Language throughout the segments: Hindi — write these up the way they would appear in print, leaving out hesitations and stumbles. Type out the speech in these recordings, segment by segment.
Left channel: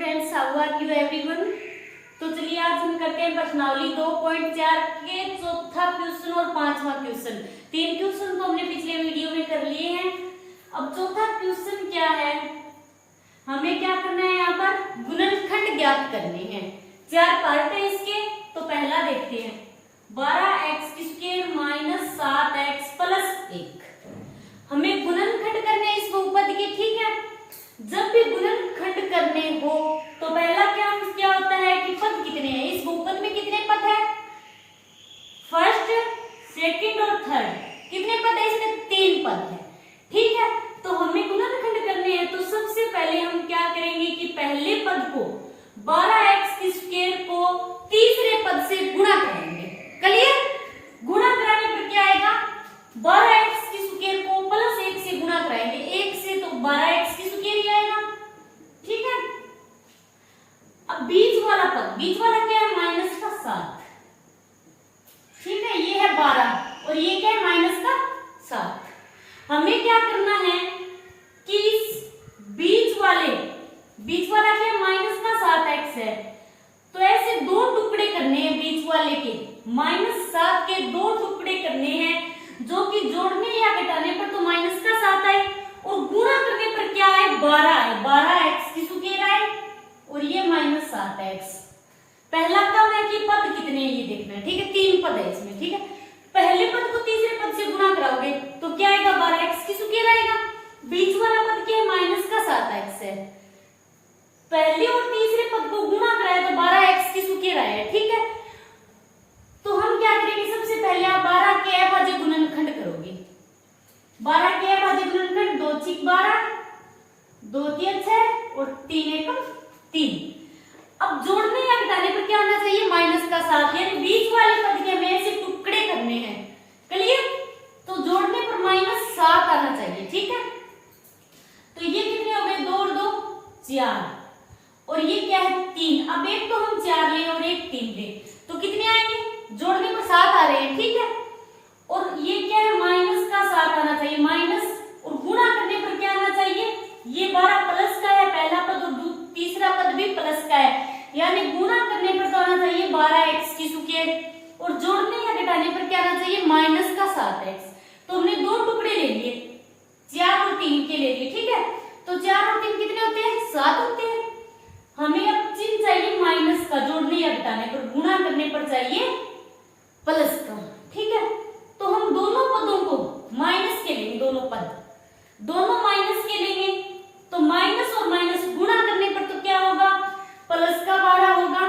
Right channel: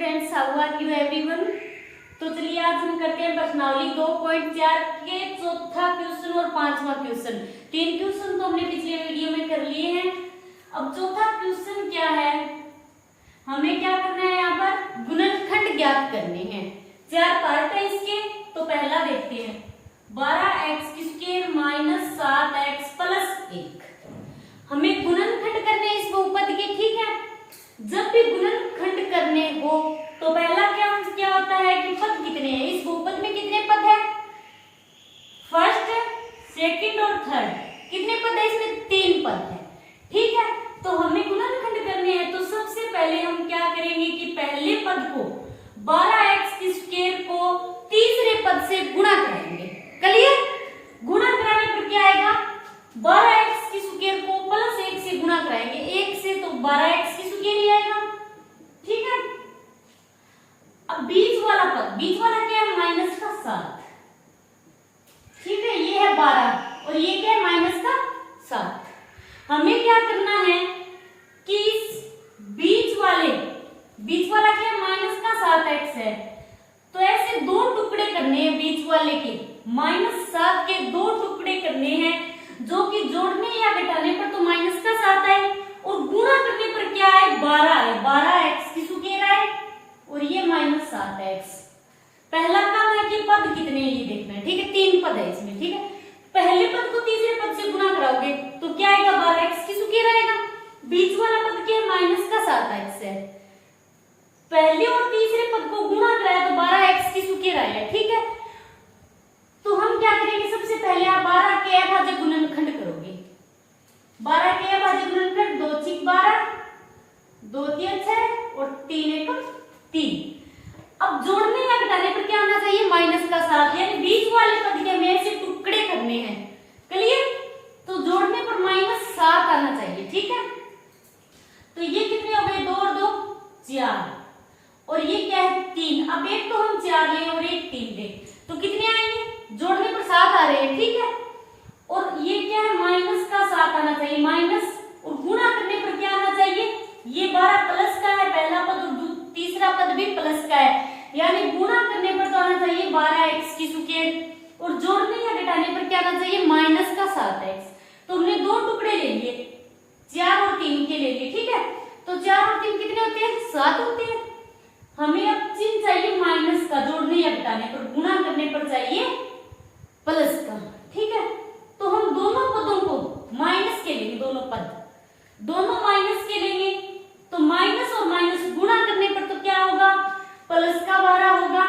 Students, how are you everyone. तो चलिए आज हम करते हैं प्रश्नावली 2.4 के चौथा क्वेश्चन और पांचवा क्वेश्चन। तीन क्वेश्चन तो हमने पिछले वीडियो में कर लिए हैं। अब चौथा क्वेश्चन क्या है, हमें क्या करना है, यहाँ पर गुणनखंड ज्ञात करने हैं। चार पार्ट है इसके, तो पहला देखते हैं 12x² माइनस 7x प्लस 1। हमें गुणनखंड करने हैं इस बहुपद के, ठीक है। जब भी गुणनखंड करने हो तो पहला क्या होता है कि पद कितने हैं। इस बहुपद में कितने पद है, फर्स्ट, सेकंड और थर्ड। कितने पद है इसमें, 3 पद है, ठीक है। तो हमें गुणनखंड करने हैं, तो सबसे पहले हम क्या करेंगे कि पहले पद को 12x² को तीसरे पद से गुणा करेंगे। क्लियर। गुणा कराने पर क्या आएगा, 12x² को प्लस 1 से गुणा कराएंगे। 1 से तो 12x² ही आएगा, ठीक है। अब बीच वाला पद, बीच वाला क्या है, माइनस का 7, ठीक है। ये है 12 और ये क्या है, माइनस का 7। हमें क्या करना है कि इस बीच वाला क्या है, माइनस का 7x है, तो ऐसे 2 टुकड़े करने हैं बीच वाले के। -7 के 2 टुकड़े करने हैं, जो कि जोड़ने या घटाने पर तो माइनस का 7 आए और गुणा करने पर क्या है, 12 है। 12x² आए और ये -7x। पहला काम है कि पद कितने हैं ये देखना है, ठीक है। 3 पद है इसमें, ठीक है। पहले पद को तीसरे पद से गुणा कराओगे तो क्या आएगा, 12x² आएगा। बीच वाला पद क्या है, -7x है। पहले और तीसरे पद को गुणा कराया तो 12x² आया, ठीक है। तो हम क्या करेंगे, सबसे पहले आप 12 के अभाज्य गुणनखंड करोगे। 12 के अभाज्य गुणनखंड 2 × 6 = 12, 2 × 3 = 6 और 3 × 1 = 3। अब जोड़ने या घटाने पर क्या आना चाहिए, -7, यानी बीच वाले पद के हमें ऐसे टुकड़े करने हैं। क्लियर। तो जोड़ने पर -7 आना चाहिए, ठीक है। तो ये कितने हो गए, 2 और 2 4 और ये क्या है, 3। अब एक तो हम 4 ले और एक 3 ले, तो कितने आएंगे, जोड़ने पर 7 आ रहे हैं, ठीक है। और ये क्या है, -7 आना चाहिए, माइनस, और गुणा करने पर क्या आना चाहिए, ये 12 प्लस का है पहला पद और तीसरा पद भी प्लस का है, यानी गुणा करने पर तो आना चाहिए 12x², और जोड़ने या घटाने पर क्या आना चाहिए, -7x। तो हमने 2 टुकड़े ले लिए, 4 और 3 के ले लिए, ठीक है। तो 4 और 3 कितने होते हैं, 7 होते हैं। हमें अब चिन्ह चाहिए माइनस का, जोड़ने या घटाने पर, गुणा करने पर चाहिए प्लस का, ठीक है। तो हम दोनों पदों को माइनस के लेंगे, दोनों माइनस के लेंगे, तो माइनस और माइनस गुणा करने पर तो क्या होगा, प्लस का 12 होगा।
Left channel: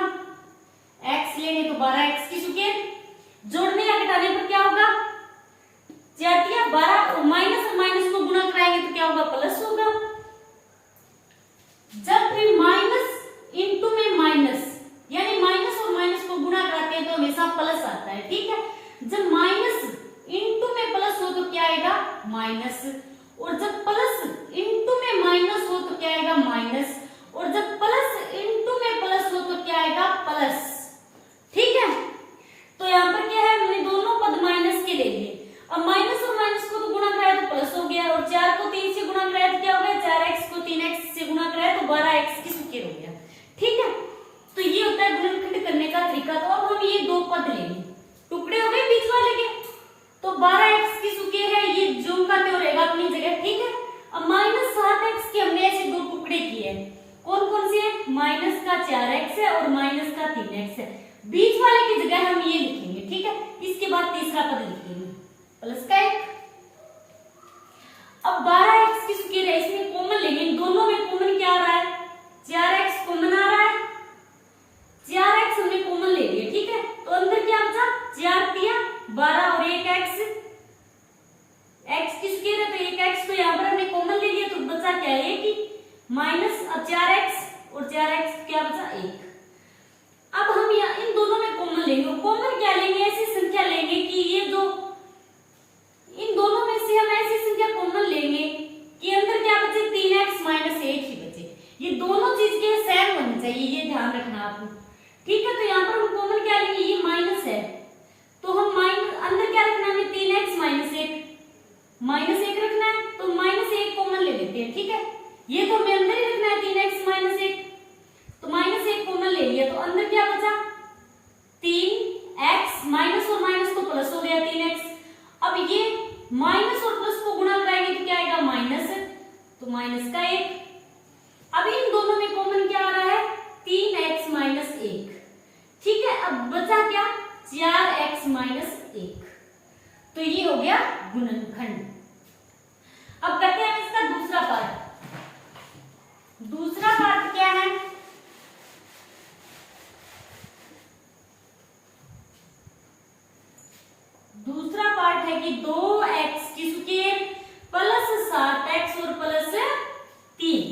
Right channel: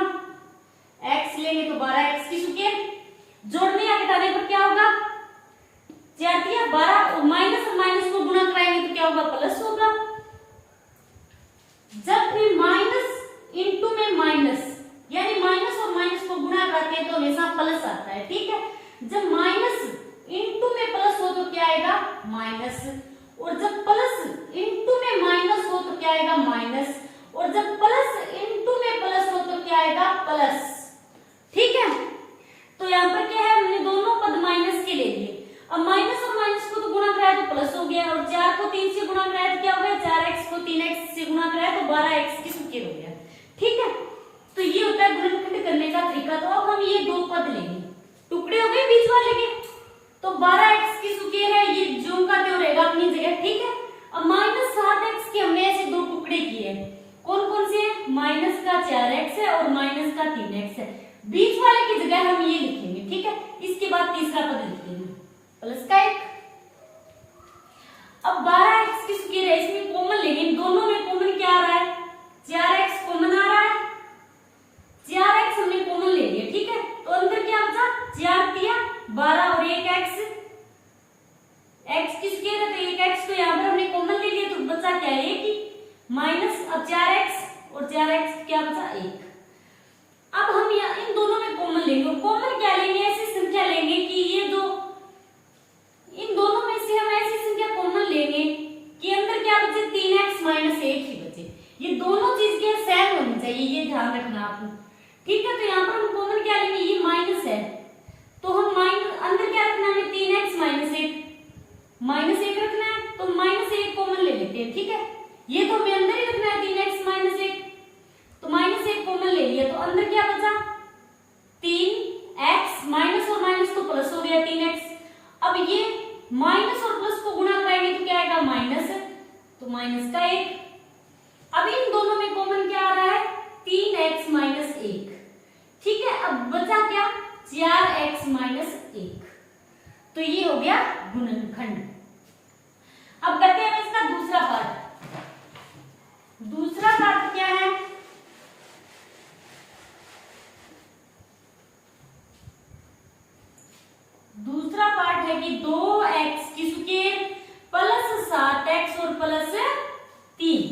x लेंगे तो 12x², जोड़ने या घटाने पर क्या होगा, 4 × 12, और माइनस को गुणा कराएंगे तो क्या होगा, प्लस होगा। जब भी माइनस इंटू में माइनस, यानी माइनस और माइनस को गुणा कराते हैं तो हमेशा प्लस आता है, ठीक है। जब माइनस इंटू में प्लस हो तो क्या आएगा, माइनस, और जब प्लस इंटू में माइनस हो तो क्या आएगा, माइनस, और जब प्लस इंटू में प्लस हो तो क्या आएगा, प्लस, ठीक है। तो यहाँ पर क्या है, हमने दोनों पद माइनस के ले लिए। अब माइनस और माइनस को तो गुणा कराया तो प्लस हो गया, और 4 को 3 से गुणा कराया तो क्या हो गया, 4x को 3x से गुणा कराया तो 12x² हो गया, ठीक है। तो ये होता है गुणनखंड करने का तरीका। तो अब हम ये 2 पद लेंगे, टुकड़े हो गए बीच वाले के, तो 12x² है, ये जो का त्यों रहेगा अपनी जगह, ठीक है। अब -7x के हमने ऐसे 2 टुकड़े किए हैं, कौन कौन से हैं, -4x है और -3x है। बीच वाले की जगह हम ये लिखेंगे, ठीक है। इसके बाद तीसरा पद लिखेंगे प्लस का 1। अब 12x² है, इसमें कॉमन लेंगे, दोनों में कॉमन क्या आ रहा है, 4x कॉमन आ रहा है, 4x हमने कॉमन ले लिया, ठीक है। तो अंदर क्या बचा, 4 × 12 और 1 x, x² है तो 1 x को यहाँ पर हमने कॉमन ले लिया, तो बचा क्या है, 1 ही, माइनस, अब 4x और 4x क्या बचा, 1। अब हम यहाँ इन दोनों में कॉमन लेंगे, कॉमन क्या लेंगे, ऐसी संख्या लेंगे कि ये जो इन दोनों में से हम ऐसी संख्या कॉमन लेंगे कि अंदर क्या बचे, 3x - 1 ही बचे। ये दोनों चीज के सेम होनी चाहिए, ये ध्यान रखना आपको, ठीक है। तो यहाँ पर हम कॉमन क्या लेंगे, ये माइनस है तो हम अंदर क्या रखना है, 3x - 1 रखना है, तो -1 कॉमन ले लेते हैं, ठीक है। ये तो हमें अंदर ही रखना है, 3x - 1। गुणनखंड। अब करते हैं इसका दूसरा पार्ट। दूसरा पार्ट क्या है? दूसरा पार्ट है कि 2x की स्क्वायर प्लस 7x और प्लस 3।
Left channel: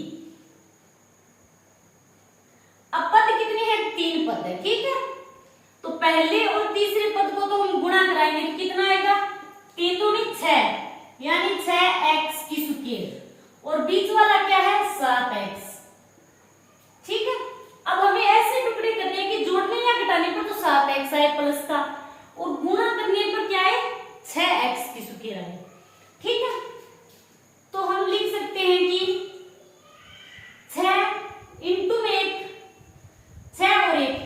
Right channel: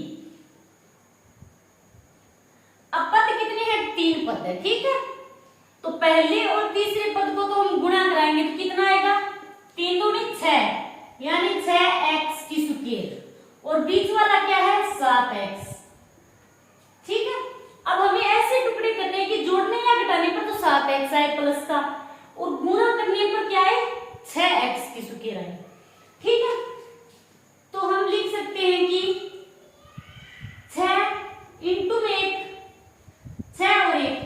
अब पद कितने हैं? 3 पद है, ठीक है। तो पहले और तीसरे पद को तो हम गुणा कराएंगे तो कितना आएगा? 3 दूनी 6 यानी 6x की स्क्वायर और बीच वाला क्या है? 7x, ठीक है। अब हमें ऐसे टुकड़े करने हैं कि जोड़ने या घटाने पर तो 7x आए प्लस का और गुणा करने पर क्या है? 6x की स्क्वायर आए, ठीक है। तो हम लिख सकते हैं कि 6 इंटू में 1, 6 और 1,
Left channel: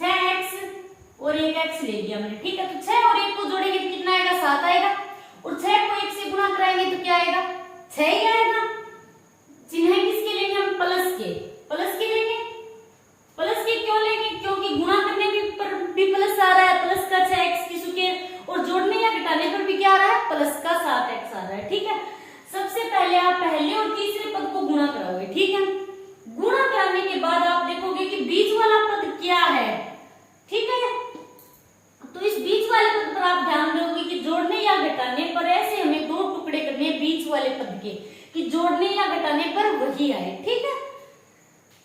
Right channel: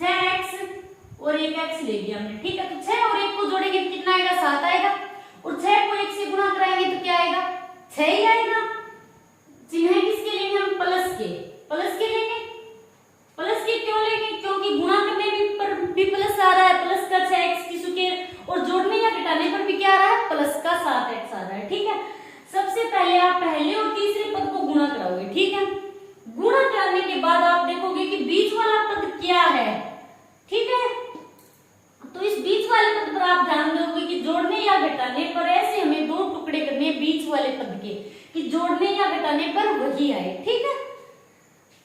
6x और 1x ले लिया हमने, ठीक है। तो 6 और 1 को जोड़ेंगे तो कितना आएगा? 7 आएगा और 6 को 1 से गुणा कराएंगे तो क्या आएगा? 6 ही आएगा। चिन्ह किसके लेंगे हम? प्लस के। प्लस के लेंगे। प्लस के क्यों लेंगे? क्योंकि गुणा करने में पर भी प्लस आ रहा है, प्लस का 6x की स्क्वायर, और जोड़ने या घटाने पर भी क्या आ रहा है? प्लस का 7x आ रहा है, ठीक है। सबसे पहले आप पहले और तीसरे पद को गुणा कराओगे, ठीक है। गुणा कराने के बाद आप देखोगे कि बीच वाला पद क्या है, ठीक है। तो इस बीच वाले पद पर आप ध्यान दोगे कि जोड़ने या घटाने पर ऐसे हमें 2 टुकड़े करने हैं बीच वाले पद के कि जोड़ने या घटाने पर वही आए, ठीक है।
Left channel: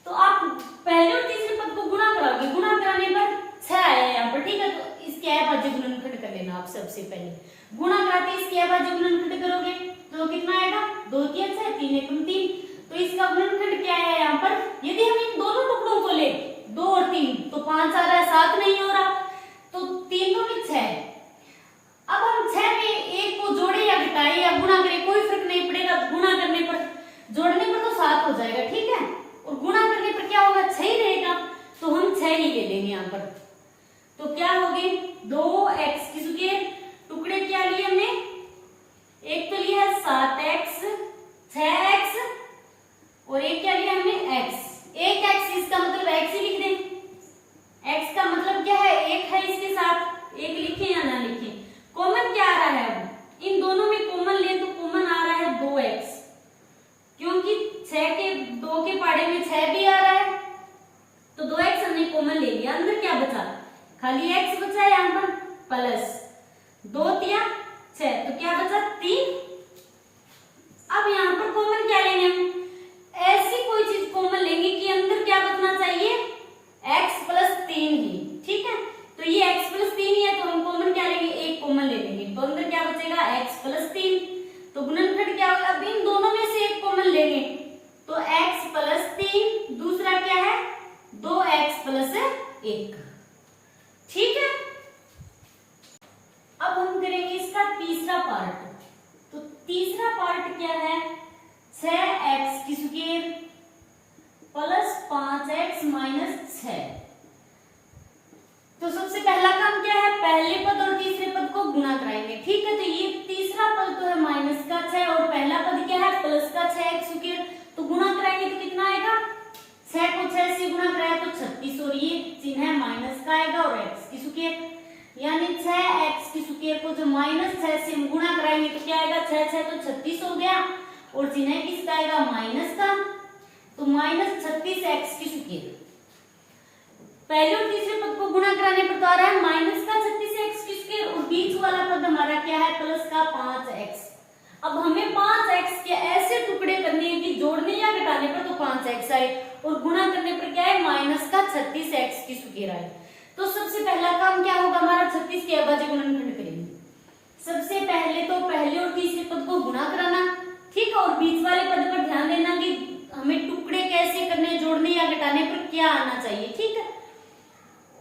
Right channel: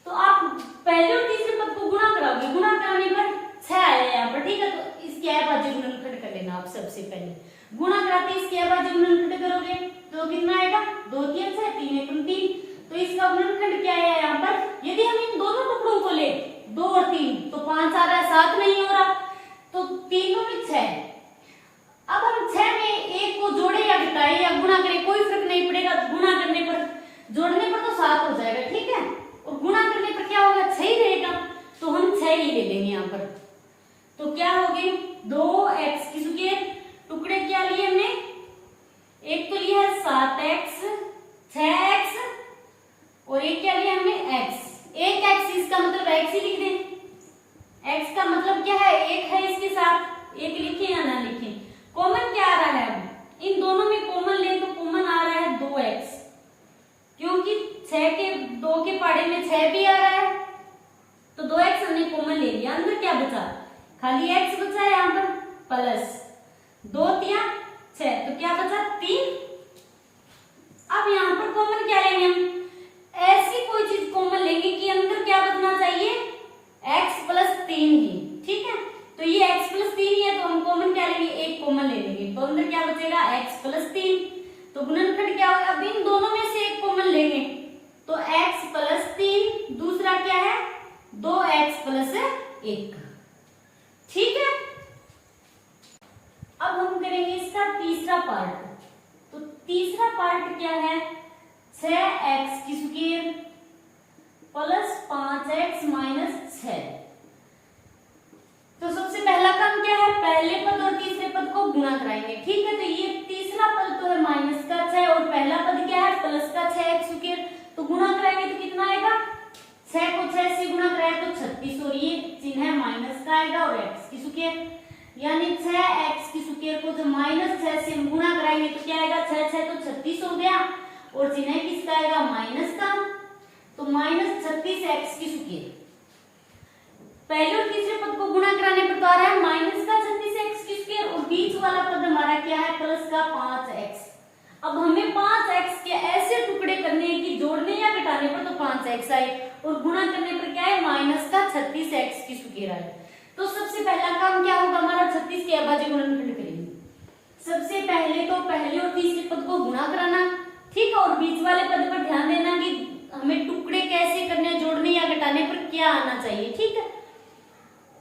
तो आप पहले और तीसरे पद को गुणा कराओगे, गुणा कराने पर 6 आया यहाँ पर, ठीक है। तो इसके अभाज्य गुणनखंड कर लेना आप सबसे पहले। गुणा कराते इसके अभाज्य गुणनखंड करोगे तो कितना आएगा? 2 3 6 3 1 3। तो इसका गुणनखंड क्या है यहाँ पर? यदि हम इन दोनों टुकड़ों को ले 2 और 3 तो 5 आ रहा है, 7 नहीं हो रहा, तो 3 दूनी 6। अब हम 6 में 1 को जोड़े या घटाए या गुणा करें कोई फर्क नहीं पड़ेगा। गुणा करने पर, जोड़ने पर तो 7 हो जाएगा, ठीक है, और गुणा करने पर क्या होगा? 6 ही रहेगा। तो हम 6 ही ले लेंगे यहाँ पर। तो क्या हो गए? 2x की स्क्वायर, टुकड़े क्या लिए हमने? एक तो लिया है 7x, 6x और एक क्या लिया हमने? x। एक x, इसका मतलब x ही लिख दें। x का मतलब क्या है? 1 है, इसके साथ 1 लिखे या ना लिखे। कॉमन क्या आ रहा है? अब इन दोनों में कॉमन ले तो कॉमन आ रहा है 2x, क्योंकि 6 के 2 के पाड़े में 6 भी आ रहा है, तो 2x हमने कॉमन ले लिया। अंदर क्या बचा? खाली x बचा है यहाँ पर, प्लस 2 3 6, तो क्या बचा? 3। अब यहाँ पर कॉमन क्या लेंगे हम? ऐसी कोई चीज कॉमन लेंगे कि अंदर क्या बचना चाहिए? x प्लस 3 ही, ठीक है। तो ये x प्लस 3 ही है, तो हम कॉमन क्या लेंगे? 1 कॉमन ले लेंगे, तो अंदर क्या बचेगा? x plus 3। तो गुणनखंड क्या होगा? अब इन दोनों में से 1 कॉमन लेंगे तो x प्लस 3, दूसरा क्या है? 2x प्लस 1, ठीक है। अब हम करेंगे इसका तीसरा पार्ट। तो तीसरा पार्ट क्या है? 6x की स्क्वायर प्लस 5x माइनस 6। तो सबसे पहला काम क्या है? पहले पद और तीसरे पद को गुणा कराएंगे, ठीक है। तो ये तीसरा पद तो है माइनस का 6 और पहला पद क्या है? प्लस का 6x स्क्वायर। तो गुणा कराएंगे तो कितना आएगा? 6 को 6 से गुणा कराए तो 36 और ये चिन्ह है माइनस का आएगा और x की स्क्वायर, यानी 6x की स्क्वायर को जो माइनस 6 से हम गुणा कराएंगे तो क्या आएगा? 6 6 तो 36 हो गया और चिन्ह किसका आएगा? माइनस का। तो माइनस 36x की स्क्वायर। पहले और तीसरे पद को गुणा कराने पर तो आ रहा है माइनस का 36x की स्क्वायर और बीच वाला पद हमारा क्या है? प्लस का 5x। अब हमें 5x के ऐसे टुकड़े करने हैं कि जोड़ने या घटाने पर तो 5x आए और गुणा करने पर क्या है? माइनस का 36x की स्क्वायर आए। तो सबसे पहला काम क्या होगा हमारा? 36 के अभाज्य गुणनखंड करेंगे। सबसे पहले तो पहले और तीसरे पद को गुणा कराना, ठीक है, और बीच वाले पद पर ध्यान देना कि हमें टुकड़े कैसे करने, जोड़ने या घटाने पर क्या आना चाहिए, ठीक है।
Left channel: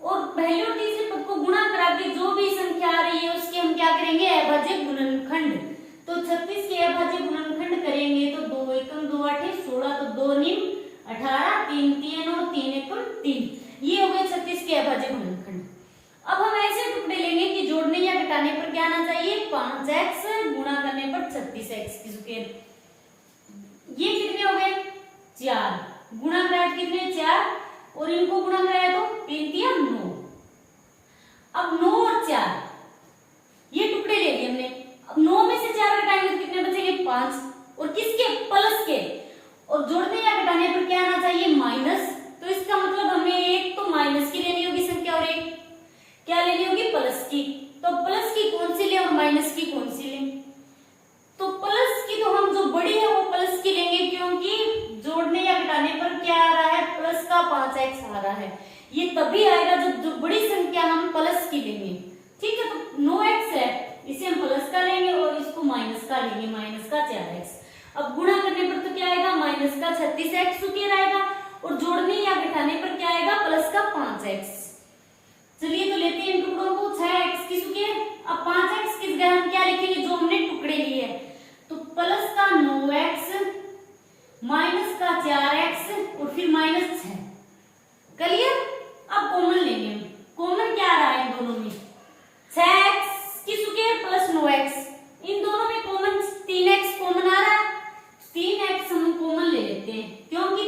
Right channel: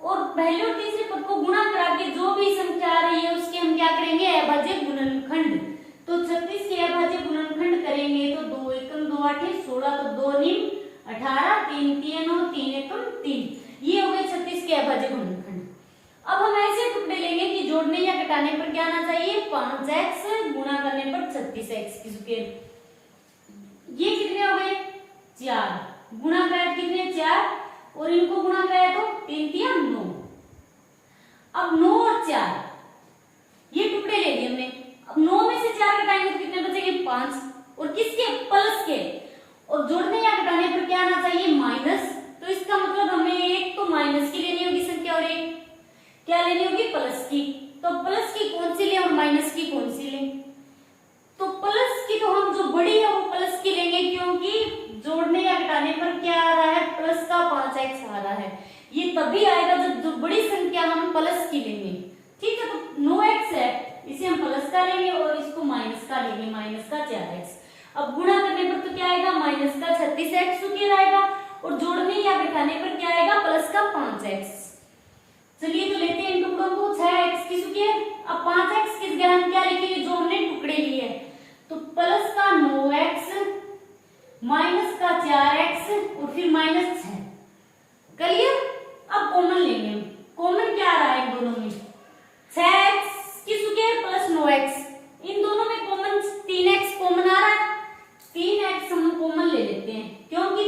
और पहले और तीसरे पद को गुणा करा के जो भी संख्या आ रही है उसके हम क्या करेंगे? अभाज्य गुणनखंड। तो 36 के अभाज्य गुणनखंड करेंगे तो 2 एकम 2 8 16, तो 2 नीम 18, 3 3 9 3 एकम 3, ये हो गए 36 के अभाज्य गुणनखंड। अब हम ऐसे टुकड़े लेंगे कि जोड़ने या घटाने पर क्या आना चाहिए? 5x, गुणा करने पर 36x की स्क्वायर। ये कितने हो गए? 4, गुणा कराया कितने? 4 और इनको गुणा कराया तो 3 3 9। अब 9 और 4 ये टुकड़े ले लिए हमने। अब 9 में से 4 घटाएंगे तो कितने बचेंगे 5, और किसके प्लस के, और जोड़ने या घटाने पर क्या आना चाहिए माइनस। तो इसका मतलब हमें एक तो माइनस की लेनी होगी संख्या और एक क्या लेनी होगी प्लस की। तो प्लस की कौन सी ले और माइनस की कौन सी ले, तो प्लस की तो हम जो बड़ी है वो प्लस की लेंगे, क्योंकि जोड़ने या घटाने पर क्या आ रहा है प्लस का 5x आ रहा है। ये तभी आएगा जब जो बड़ी संख्या हम प्लस की लेंगे। ठीक है, तो 9x है इसे हम प्लस का लेंगे और इसको माइनस का लेंगे, माइनस का 4x। अब गुणा करने पर तो क्या आएगा माइनस का 36x स्क्वायर आएगा, और जोड़ने या घटाने पर क्या आएगा प्लस का 5x। चलिए तो लेते हैं इन टुकड़ों को, 6x की स्क्वायर। अब 5x की जगह हम क्या लिखेंगे जो हमने टुकड़े लिए, तो प्लस का 9x माइनस का 4x और फिर माइनस 6। क्लियर। अब कॉमन लेंगे हम, कॉमन क्या आ रहा है इन दोनों में 6x की स्क्वायर प्लस 9x, इन दोनों में कॉमन 3x कॉमन आ रहा है। 3x हम कॉमन ले लेते हैं, क्योंकि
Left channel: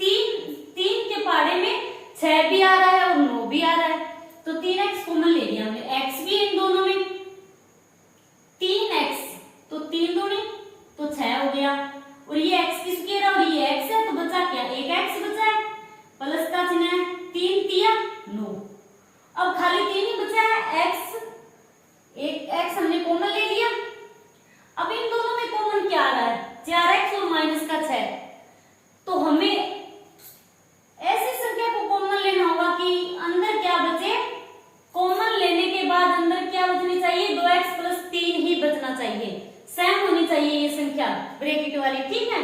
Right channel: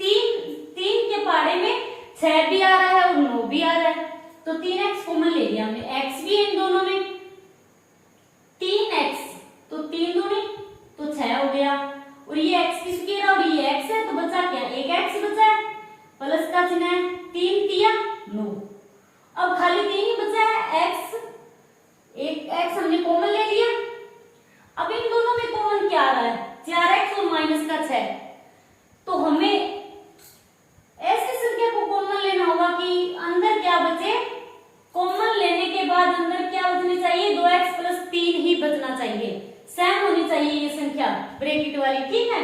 3 के पाड़े में 6 भी आ रहा है और 9 भी आ रहा है, तो 3x कॉमन ले लिया हमने। x भी इन दोनों में 3x, तो 3 दूनी तो 6 हो गया, और ये x की स्क्वायर और ये x है, तो बचा क्या एक x बचा है, प्लस का चिन्ह है, 3 तिया 9। अब खाली 3 ही बचा है x, एक x हमने कॉमन ले लिया। अब इन दोनों में कॉमन क्या आ रहा है 4x और माइनस का 6, तो हमें ऐसी संख्या को कॉमन लेना होगा कि अंदर क्या बचे, कॉमन लेने के बाद अंदर क्या बचनी चाहिए 2x प्लस 3 ही बचना चाहिए, सेम होनी चाहिए ये संख्या ब्रैकेट वाली। ठीक है,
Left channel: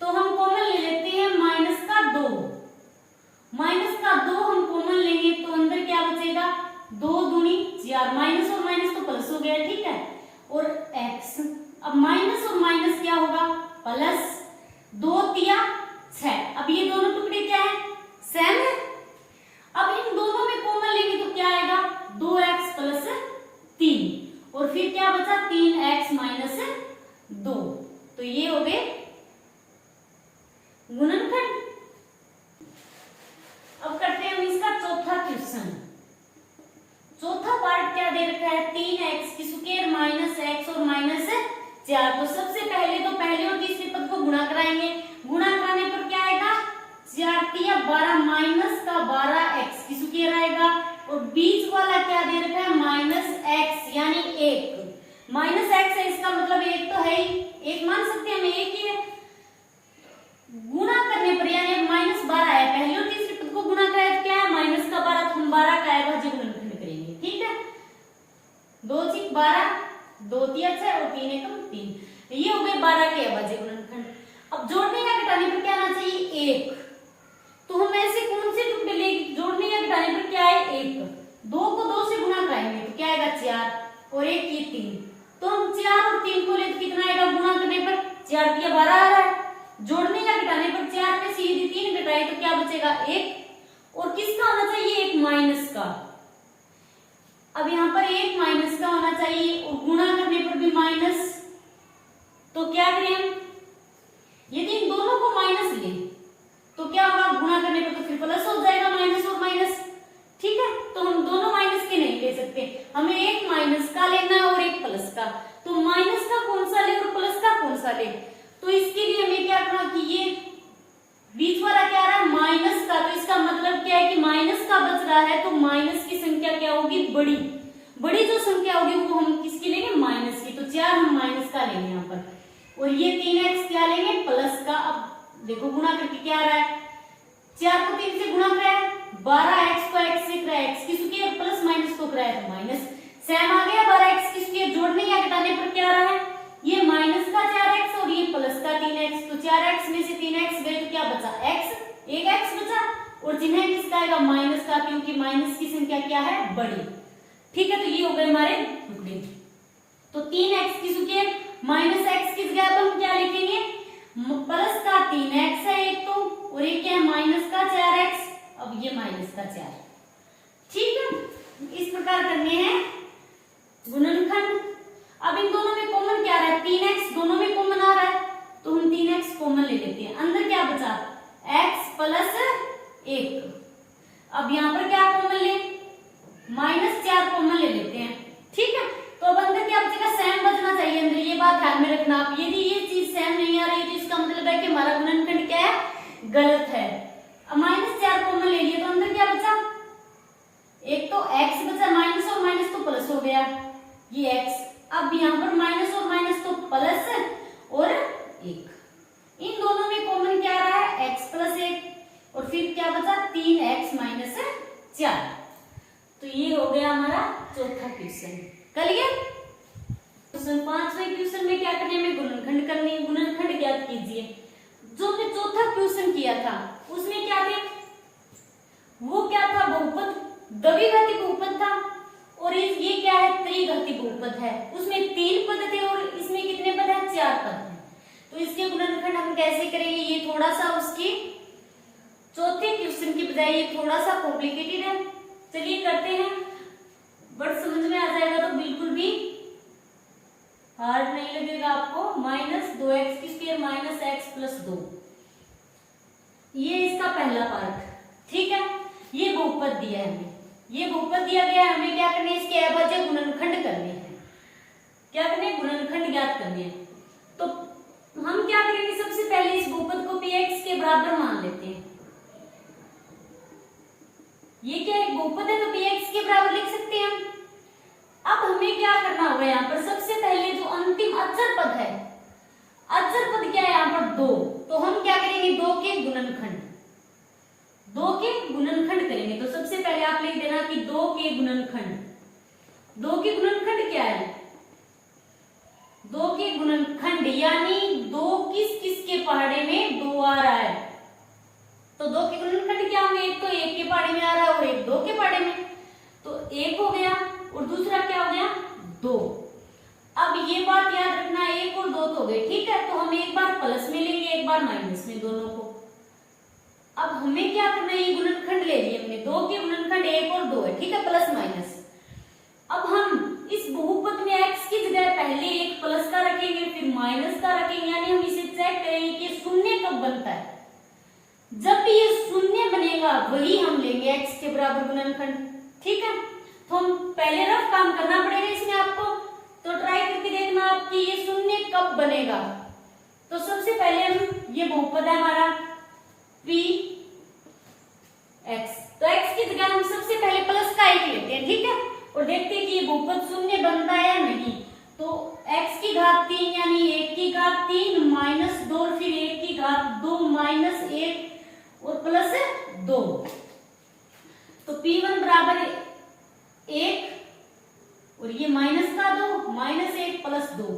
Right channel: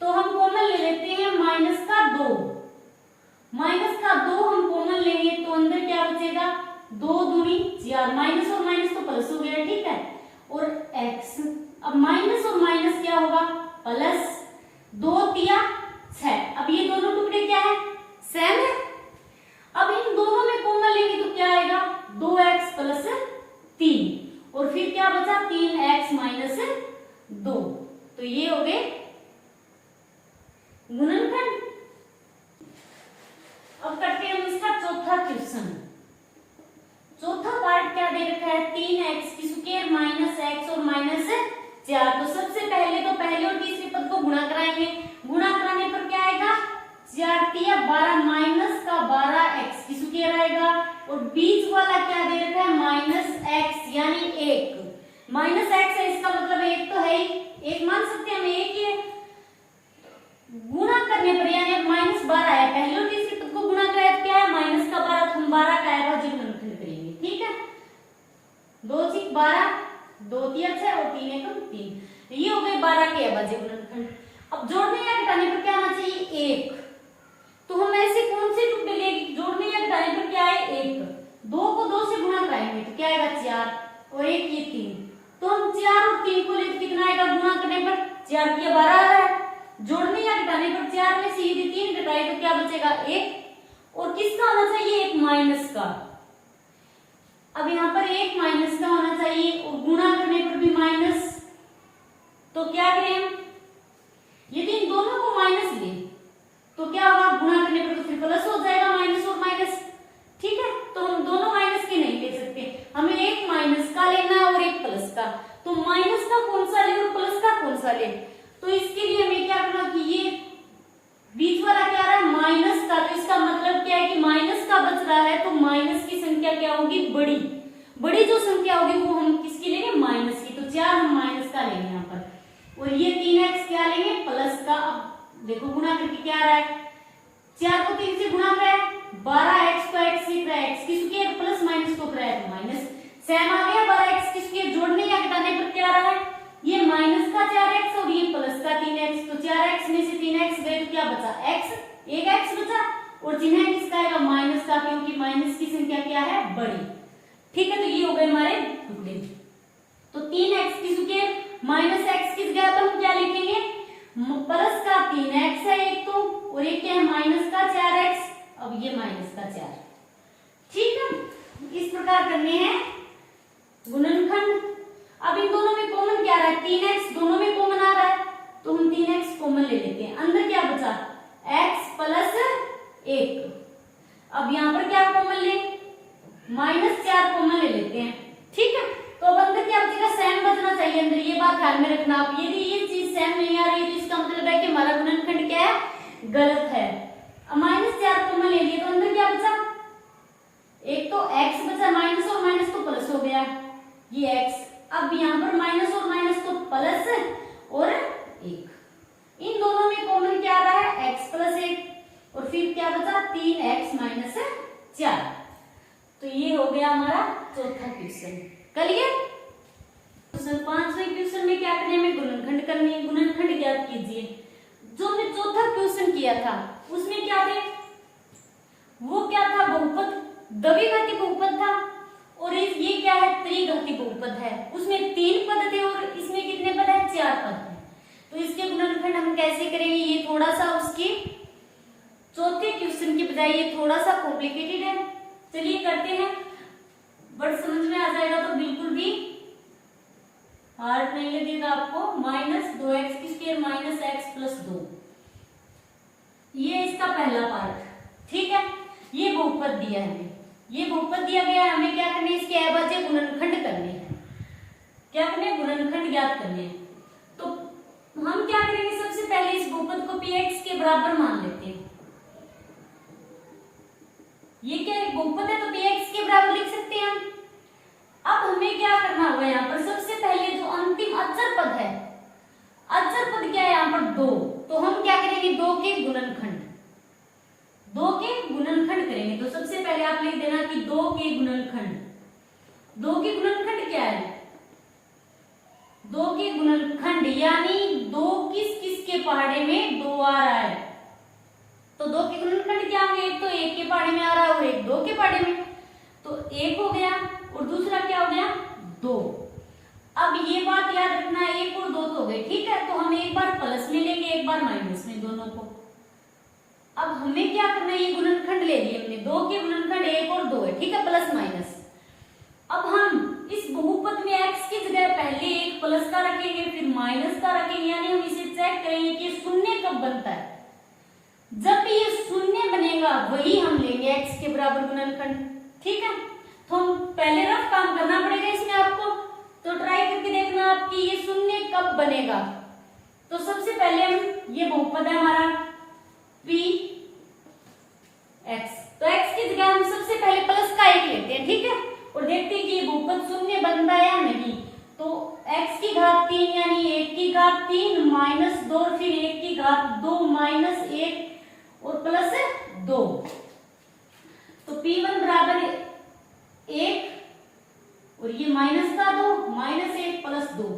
तो हम कॉमन ले लेते हैं माइनस का 2, माइनस का 2 हम कॉमन लेंगे तो अंदर क्या बचेगा 2 दूनी 4, माइनस और माइनस तो प्लस हो गया। ठीक है, और x, अब माइनस और माइनस क्या होगा प्लस, 2 तिया 6। अब ये दोनों टुकड़े क्या है सेम है। अब इन दोनों में कॉमन लेंगे तो क्या आएगा 2x प्लस 3, और फिर क्या बचा 3x माइनस 2, तो ये हो गए गुणनखंड। अब करते हैं हम इसका चौथा क्वेश्चन। चौथा पार्ट क्या दे रखा है 3x की स्क्वायर माइनस x और माइनस 4। तो सबसे पहले तो पहले और तीसरे पद को गुणा कराएंगे, गुणा कराने पर क्या आएगा 4 तिया 12 माइनस का 12x की स्क्वायर आएगा, और बीच वाला क्या दे रखा है माइनस x यानी 1, माइनस x है इसका मतलब 1 तो है ही, 1 मान सकते हैं हम 1 ही है। गुणा करने पर यानी माइनस 12 है, पहले और तीसरे पद को गुणा कराया तो क्या है माइनस का 12, तो हम 12 का अभाज्य गुणनखंड करेंगे। ठीक है, 2 6 12, 2 तिया 6 और 3 एकम 3, ये हो गए 12 के अभाज्य गुणनखंड। अब जोड़ने या घटाने पर क्या आना चाहिए 1, तो हम ऐसे कौन से टुकड़े लेंगे जोड़ने या घटाने पर क्या है 1, 2 को 2 से गुणा कराएंगे तो क्या आएगा 4 और 1 ये 3, तो हम 4 और 3 को ले तो कितना आएगा गुणा करने पर 4 तिया 12 आ रहा है, जोड़ने या घटाने पर 4 में से यदि 3 घटाए तो क्या बचेगा 1, और किसका होना चाहिए 1 माइनस का। अब यहाँ पर 1 माइनस का होना चाहिए और गुणा करने पर भी माइनस, तो क्या करें हम यदि इन दोनों को माइनस ले तो क्या होगा गुणा करने पर तो फिर प्लस हो जाएगा माइनस और माइनस। ठीक है, तो हम दोनों माइनस के नहीं ले सकते, हमें 1 माइनस का लेना है और 1 प्लस का, तो माइनस का कौन सा ले और प्लस का कौन सा ले, तो इसके लिए हमें क्या करना कि ये बीच वाला क्या आ रहा है माइनस का, तो इसका मतलब क्या है कि माइनस का बच रहा है, तो माइनस की संख्या क्या होगी बड़ी, बड़ी जो संख्या होगी वो हम किसकी लेंगे माइनस की, तो 4 हम माइनस का लेंगे यहाँ पर, और ये 3x क्या लेंगे प्लस का। अब देखो गुणा करके क्या आ रहा है 4 को 3 से गुणा कराया 12x को x से कराया x की स्क्वायर प्लस माइनस को कराया तो माइनस, सेम आ गया 12x की स्क्वायर। जोड़ने या घटाने पर क्या आ रहा है ये माइनस का 4x और ये प्लस का 3x, तो 4x में से 3x गए तो क्या बचा x, एक x बचा, और चिन्ह किसका आएगा माइनस का, क्योंकि माइनस की संख्या क्या है बड़ी। ठीक है, तो ये हो गए हमारे टुकड़े, तो 3x की स्क्वायर माइनस x की जगह पर हम क्या लिखेंगे प्लस का 3x है एक तो, और ये क्या है माइनस का 4x, अब ये माइनस का 4। ठीक है, इस प्रकार करने हैं गुणनखंड। अब इन दोनों में कॉमन क्या आ रहा है 3x, दोनों में कॉमन आ रहा है तो हम 3x कॉमन ले लेते हैं, अंदर क्या बचा x प्लस 1। अब यहाँ पर क्या कॉमन ले -4 कॉमन ले लेते हैं। ठीक है, तो अब अंदर क्या बचेगा जगह सेम बचना चाहिए अंदर, ये बात ध्यान में रखना आप। यदि ये चीज सेम नहीं आ रही तो इसका मतलब है कि हमारा गुणनखंड क्या है, गलत है। अब -4 कॉमन ले लिए तो अंदर क्या बचा, एक तो x बचा, माइनस और माइनस तो प्लस हो गया, ये x। अब यहाँ पर माइनस और माइनस तो प्लस और 1, इन दोनों में कॉमन क्या आ रहा है, x + 1, और फिर क्या बचा 3x - 4। तो ये हो गया हमारा चौथा क्वेश्चन। क्लियर। क्वेश्चन 5वें क्वेश्चन में क्या करना है, हमें गुणनखंड करनी है। गुणनखंड ज्ञात कीजिए। जो हमने चौथा क्वेश्चन किया था उसमें क्या थे, वो क्या था, बहुपद, द्विघाती बहुपद था, और ये क्या है, त्रिघाती बहुपद है। उसमें 3 पद थे और इसमें कितने पद है, 4 पद है। तो इसके गुणनखंड हम कैसे करेंगे, ये थोड़ा सा उसकी चौथे क्वेश्चन की बजाय ये थोड़ा सा कॉम्प्लिकेटेड है। चलिए करते हैं, बट समझ में आ जाएगा तो बिल्कुल भी हार्ड नहीं लगेगा आपको। -2x² - x + 2, ये इसका पहला पार्ट, ठीक है। ये बहुपद दिया है हमें, ये बहुपद दिया गया है, हमें क्या करना है, इसके अभाज्य गुणनखंड करने हैं। क्या करने हैं, गुणनखंड ज्ञात करने हैं। तो हम क्या करेंगे, सबसे पहले इस बहुपद को px के बराबर मान लेते हैं। ये क्या है, बहुपद है तो px के बराबर लिख सकते हैं हम। अब हमें क्या करना होगा, यहाँ पर सबसे पहले जो अंतिम अचर पद है, अचर पद क्या है यहाँ पर 2, तो हम क्या करेंगे, 2 के गुणनखंड, 2 के गुणनखंड करेंगे। तो सबसे पहले आप लिख देना कि 2 के गुणनखंड, 2 के गुणनखंड क्या है, 2 के गुणनखंड यानी 2 किस किस के पहाड़े में 2 आ रहा है। तो 2 के गुणनखंड क्या होंगे, एक तो 1 के पहाड़े में आ रहा है और एक 2 के पहाड़े में, तो 1 हो गया और दूसरा क्या हो गया, 2। अब ये बात याद रखना है, 1 और 2 तो हो गए, ठीक है। तो हम एक बार प्लस में लेंगे, एक बार माइनस में, दोनों को। अब हमें क्या करना है, ये गुणनखंड ले लिए हमने, 2 के गुणनखंड 1 और 2 है, ठीक है, प्लस माइनस। अब हम इस बहुपद में x की जगह पहले एक प्लस का रखेंगे, फिर माइनस का रखेंगे, यानी हम इसे चेक करेंगे कि शून्य कब बनता है। जब भी ये शून्य बनेगा वही हम लेंगे x के बराबर गुणनखंड, ठीक है। तो हम पहले रफ काम करना पड़ेगा इसमें आपको, तो ट्राई करके देखना आप कि ये शून्य कब बनेगा। तो सबसे पहले हम, ये बहुपद है हमारा px, तो x की जगह हम सबसे पहले प्लस का 1 लेते हैं, ठीक है, और देखते हैं कि ये बहुपद शून्य बन रहा है या नहीं। तो x की घात 3 यानी 1 की घात 3 - 2, फिर 1 की घात 2 - 1 और प्लस 2। तो p1 बराबर 1 और ये माइनस का 2, -1 + 2,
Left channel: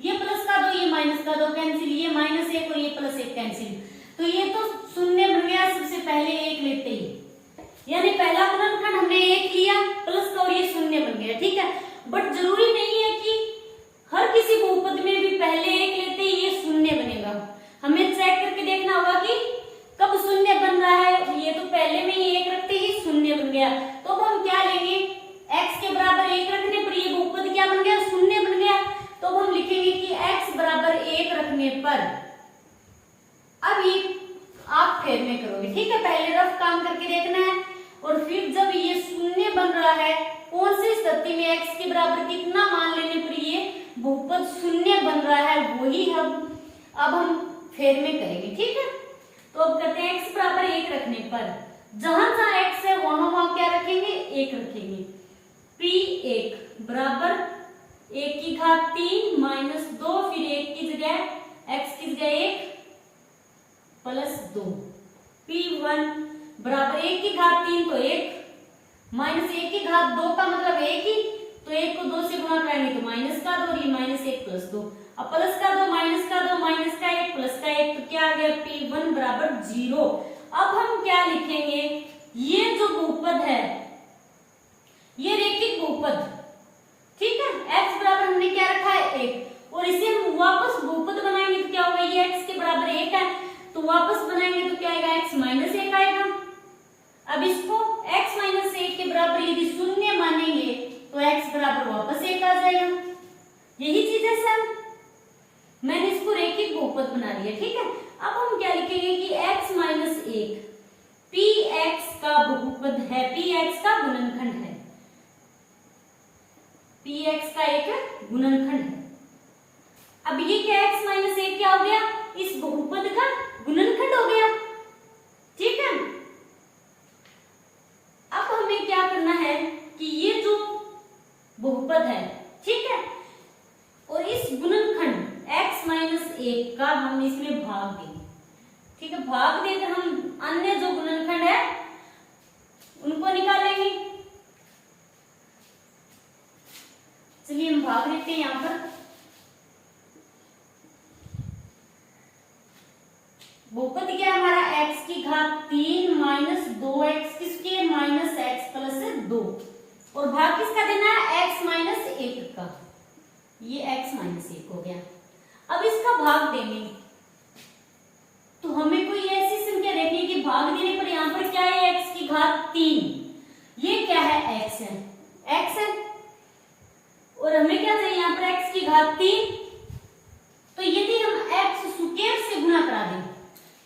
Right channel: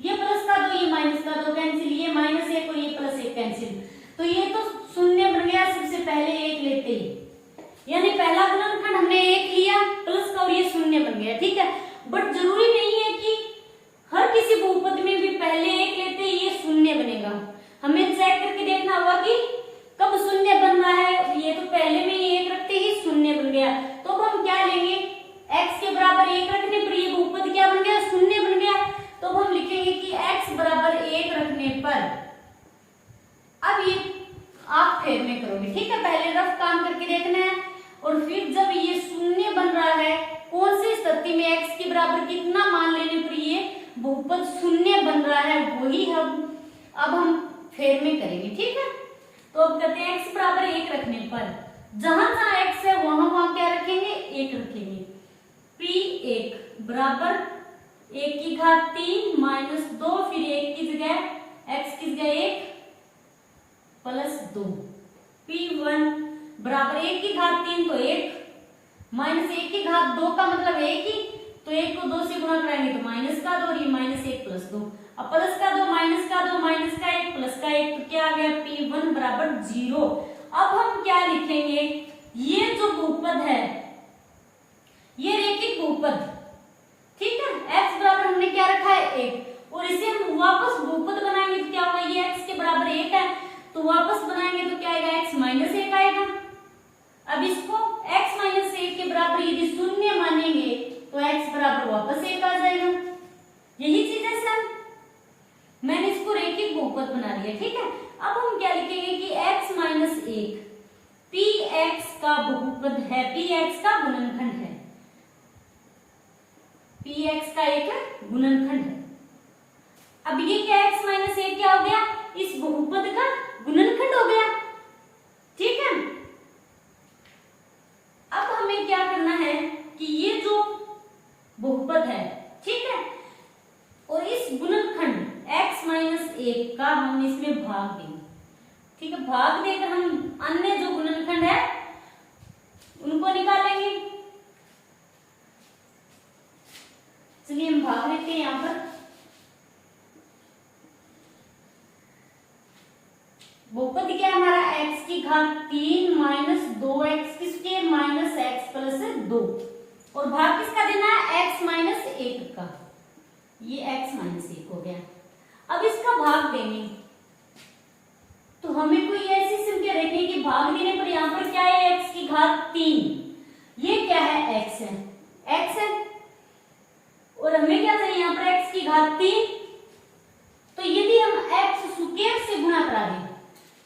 ये प्लस का 2, ये माइनस का 2 कैंसिल, ये -1 और ये +1 कैंसिल। तो ये तो शून्य बन गया सबसे पहले 1 लेते ही, यानी पहला गुणनखंड हमने 1 लिया प्लस का और ये शून्य बन गया, ठीक है। बट जरूरी नहीं है कि हर किसी बहुपद में भी पहले 1 लेते ही ये शून्य बनेगा। हमें चेक करके देखना होगा कि कब शून्य बन रहा है। ये तो पहले में ही 1 रखते ही शून्य बन गया, तो अब हम क्या लेंगे, x के बराबर 1 रखने पर ये बहुपद क्या बन गया, शून्य बन गया। तो अब हम लिखेंगे कि x बराबर 1 रखने पर, अब ये आप फेर में करोगे, ठीक है, पहले रफ काम करके देखना है, और फिर जब ये शून्य बन रहा है, कौन सी स्थिति में x के बराबर कितना मान लेने पर ये बहुपद शून्य बन रहा है, वही अब हम फेर में करेंगे, ठीक है। तो अब करते हैं x बराबर 1 रखने पर, जहां जहां x है वहां क्या रखेंगे, 1 रखेंगे। p1 बराबर 1 की घात 3 - 2, फिर 1 की जगह x की जगह 1 + 2। p1 बराबर 1 की घात 3 तो 1 -1 की घात 2 का मतलब 1 ही, तो 1 को 2 से गुणा करेंगे तो माइनस का 2, ये -1 + 2, अब प्लस का 2 माइनस का 2 माइनस का 1 प्लस का 1, तो क्या आ गया, p1 बराबर 0। अब हम क्या लिखेंगे, ये जो बहुपद है ये रेखिक बहुपद, ठीक है, x बराबर हमने क्या रखा है 1, और इसे हम वापस बहुपद बनाएंगे तो क्या होगा, ये x के बराबर 1 है, तो वापस बनाएंगे तो क्या आएगा, x - 1 आएगा। अब इसको x - 1 के बराबर यदि शून्य मानेंगे तो x बराबर वापस 1 आ जाएगा। यही चीज है सर, मैंने इसको रेखिक बहुपद बना लिया, ठीक है। अब हम क्या लिखेंगे कि x - 1 px का बहुपद है, px का गुणनखंड है। px का एक गुणनखंड है। अब ये क्या x माइनस 1 क्या हो गया, इस बहुपद का गुणनखंड हो गया। ठीक है, अब हमें क्या करना है कि ये जो बहुपद है, ठीक है, और इस गुणनखंड x माइनस 1 का हम इसमें भाग देंगे। ठीक है, भाग देकर हम अन्य जो गुणनखंड है उनको निकालेंगे। चलिए हम भाग देते हैं यहां पर। बहुपद क्या है हमारा, x की घात 3 माइनस 2x की स्क्वायर माइनस x प्लस 2, और भाग किसका देना है, x माइनस 1 का। ये x माइनस 1 हो गया। अब इसका भाग देंगे तो हमें कोई ऐसी संख्या देखनी कि भाग देने पर यहाँ पर क्या है, x की घात 3, ये क्या है, x है, x है, और हमें क्या चाहिए यहाँ पर x की घात 3। तो यदि हम x स्क्वायर से गुणा करा दें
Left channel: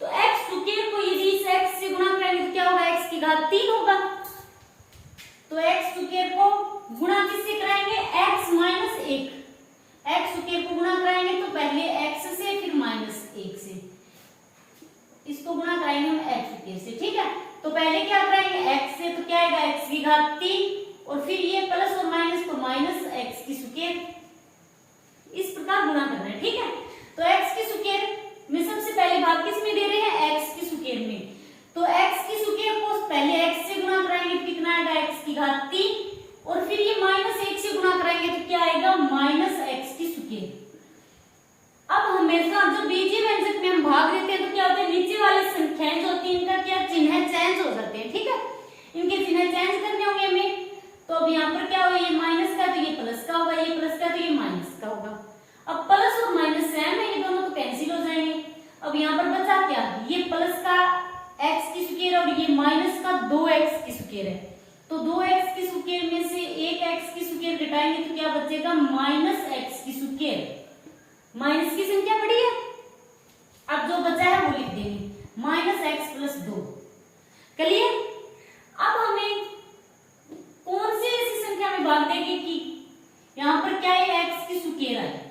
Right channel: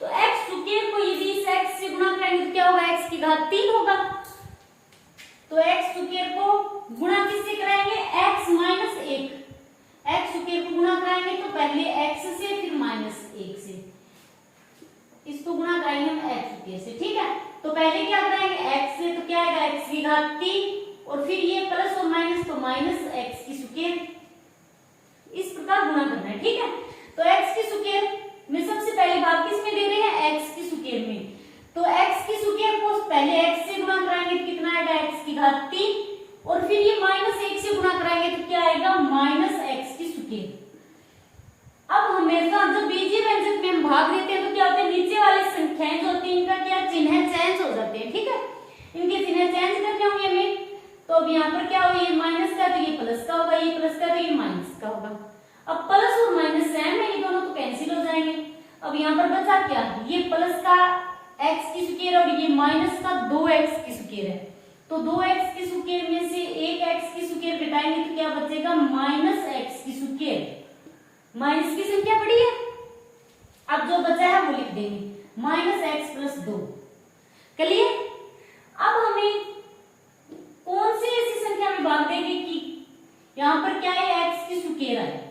तो x स्क्वायर को यदि इस x से गुणा करेंगे तो क्या होगा, x की घात 3 होगा। तो x स्क्वायर को गुणा किससे कराएंगे, x माइनस 1, x स्क्वायर को गुणा कराएंगे तो पहले x से फिर माइनस 1 से, इसको गुणा कराएंगे हम x स्क्वायर से। ठीक है, तो पहले क्या कराएंगे x से, तो क्या आएगा x की घात 3, और फिर ये प्लस और माइनस तो माइनस x की स्क्वायर, इस प्रकार गुणा करना है। ठीक है, तो x की स्क्वायर में सबसे पहले भाग किस में दे रहे हैं, x की स्क्वायर में, तो x की स्क्वायर को पहले x से गुणा कराएंगे तो कितना आएगा, x की घात 3, और फिर ये माइनस 1 से गुणा कराएंगे तो क्या आएगा, माइनस x की स्क्वायर। अब हमेशा जो बीजीय व्यंजक में हम भाग देते हैं तो क्या होता है, नीचे वाली संख्याएं जो होती है इनका क्या चिन्ह चेंज हो जाते हैं। ठीक है, इनके चिन्ह चेंज करने होंगे हमें। तो अब यहाँ पर क्या होगा, ये माइनस का तो ये प्लस का होगा, ये प्लस का तो ये माइनस का होगा। अब प्लस और माइनस सेम है, ये दोनों तो कैंसिल हो जाएंगे। अब यहाँ पर बचा क्या, ये प्लस का x की स्क्वायर और ये माइनस का 2x की स्क्वायर है, तो 2x की स्क्वायर में से एक x की स्क्वायर घटाएंगे तो क्या बचेगा, माइनस x की स्क्वायर। माइनस की संख्या बड़ी है, अब जो बचा है वो लिख देंगे, माइनस x प्लस 2। क्लियर। अब हमें कौन सी ऐसी संख्या में भाग देंगे कि यहाँ पर क्या है, x की स्क्वायर आए,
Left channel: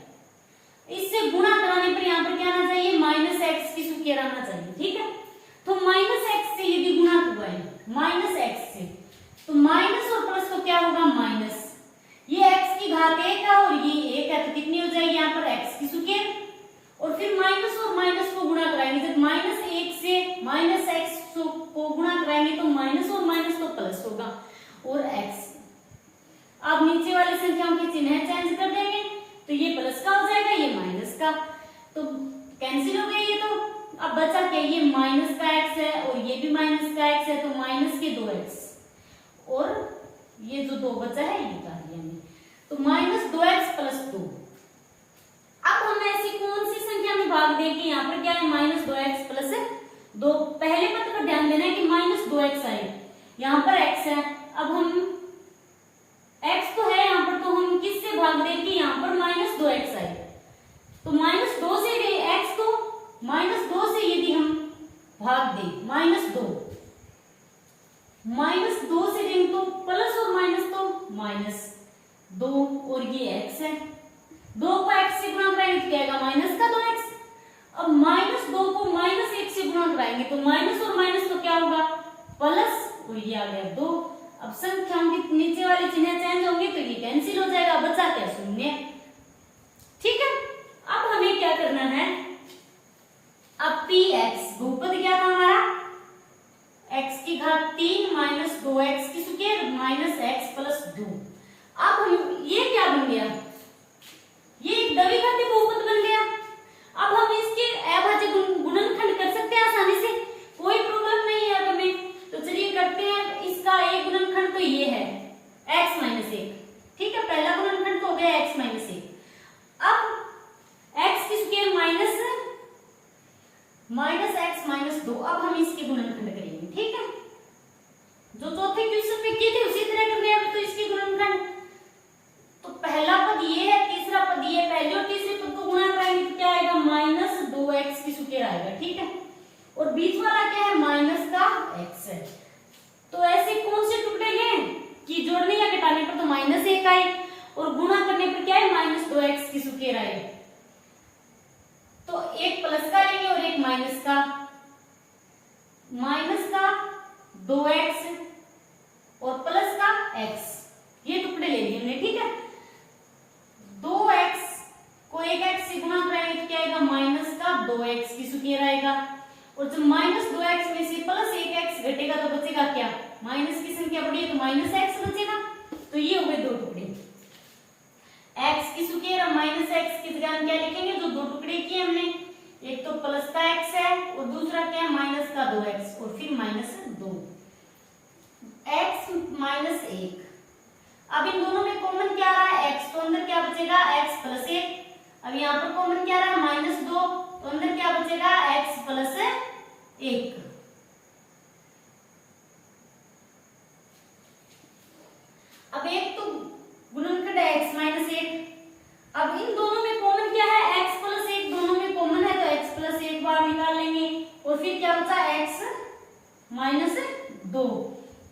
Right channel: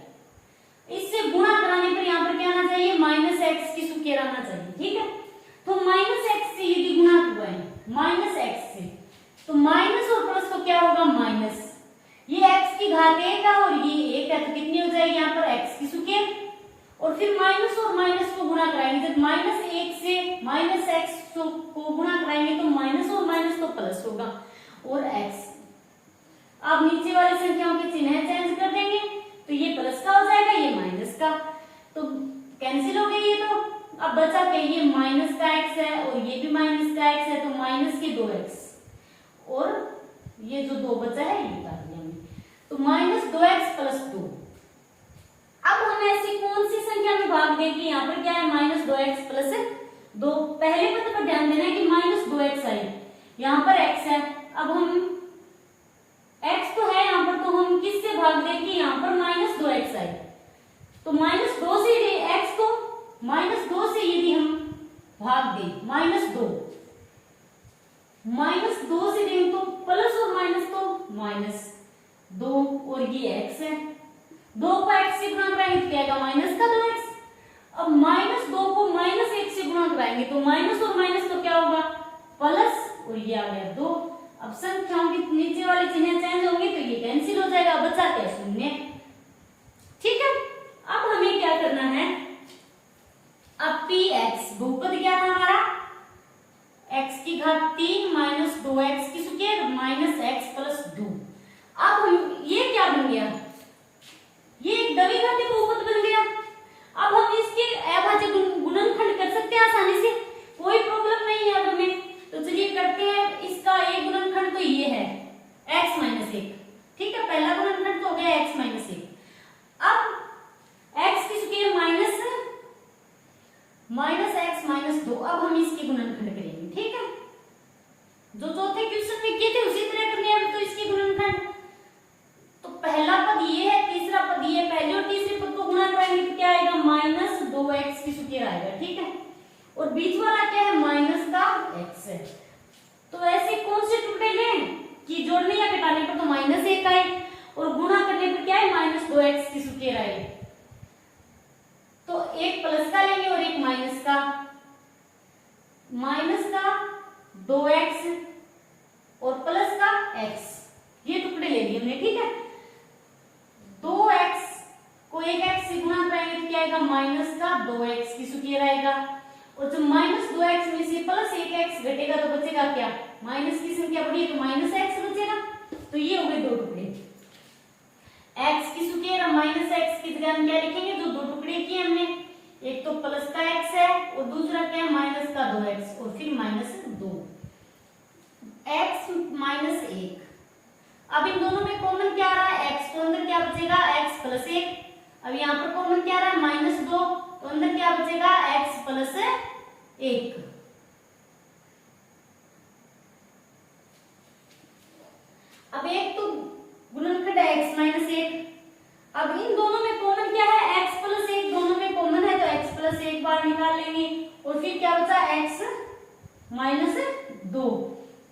इससे गुणा कराने पर यहाँ पर क्या आना चाहिए, माइनस x की स्क्वायर आना चाहिए। ठीक है, तो माइनस x से यदि गुणा हुआ है माइनस x से, तो माइनस और प्लस तो क्या होगा, माइनस, ये x की घात 1 है और ये 1 है, तो कितनी हो जाएगी यहाँ पर x की स्क्वायर, और फिर माइनस और माइनस को गुणा कराएंगे, जब माइनस 1 से माइनस x को गुणा कराएंगे तो माइनस और माइनस तो प्लस होगा और x। अब नीचे वाली संख्याओं के चिन्ह चेंज कर देंगे तो ये प्लस का हो जाएगा, ये माइनस का, तो कैंसिल हो गए ये। तो अब बचा क्या, ये माइनस का x है और ये भी माइनस का x है, तो माइनस के 2x, और ये जो 2 बचा है ये उतार दिया हमने, तो माइनस 2x प्लस 2। अब हम ऐसी कौन सी संख्या में भाग दें कि यहाँ पर क्या है, माइनस 2x प्लस 2। पहले पद पर ध्यान देना है कि माइनस 2x आए, यहाँ पर x है, अब हम x तो है यहाँ पर, तो हम किससे भाग दें कि यहाँ पर माइनस 2x आए, तो माइनस 2 से x को माइनस 2 से यदि हम भाग दें, माइनस 2 से दें तो प्लस और माइनस तो माइनस 2, और ये x है, 2 को x से गुणा कराएंगे तो क्या आएगा, माइनस का 2x। अब माइनस 2 को माइनस 1 से गुणा कराएंगे तो माइनस और माइनस तो क्या होगा, प्लस, और ये आ गया 2। अब संख्याओं के नीचे वाले चिन्ह चेंज होंगे तो ये कैंसिल हो जाएगा, बचा क्या, शून्य। ठीक है, अब हमें क्या करना है, अब px बहुपद क्या था हमारा, x की घात 3 माइनस 2x की स्क्वायर माइनस x प्लस 2। अब हम ये क्या बन गया, ये एक द्विघाती बहुपद बन गया। अब हम इसके अभाज्य गुणनखंड कर सकते हैं आसानी से, कोई प्रॉब्लम नहीं है अब हमें। तो चलिए करते हैं, इसका एक गुणनखंड तो ये है x माइनस 1। ठीक है, पहला गुणनखंड तो हो गया x माइनस 1। अब x की स्क्वायर माइनस x माइनस 2, अब हम इसके गुणनखंड करेंगे। ठीक है, जो चौथे क्वेश्चन में किए थे उसी तरह करने हैं तो इसके गुणनखंड। तो पहला पद ये है, तीसरा पद ये है, पहले और तीसरे पद को गुणा कराएंगे तो क्या आएगा, माइनस 2x की स्क्वायर आएगा। ठीक है, और बीच 2x और प्लस का x, ये टुकड़े ले लिए हमने, ठीक है। 2x को एक x से गुणा कराएंगे तो क्या आएगा, माइनस का 2x की स्क्वायर आएगा, और जब माइनस 2x में से प्लस 1x घटेगा तो बचेगा क्या, माइनस की संख्या बढ़ी है तो माइनस x बचेगा। तो ये हो गए दो टुकड़े, x की स्क्वायर और माइनस x की जगह हम क्या लिखेंगे, जो दो टुकड़े किए हमने, एक तो प्लस का x है और दूसरा क्या है, माइनस का 2x और फिर माइनस 2, x माइनस 1। अब इन दोनों में कॉमन क्या आ रहा है, x, तो अंदर क्या बचेगा, x प्लस 1। अब यहाँ पर कॉमन क्या आ रहा है, माइनस 2, तो अंदर क्या बचेगा, x प्लस 1। अब एक तो गुणनखंड है x माइनस 1। अब इन दोनों में कॉमन क्या है, x प्लस 1, दोनों में कॉमन है तो x प्लस 1 बार निकाल लेंगे, और फिर क्या बचा, x माइनस 2।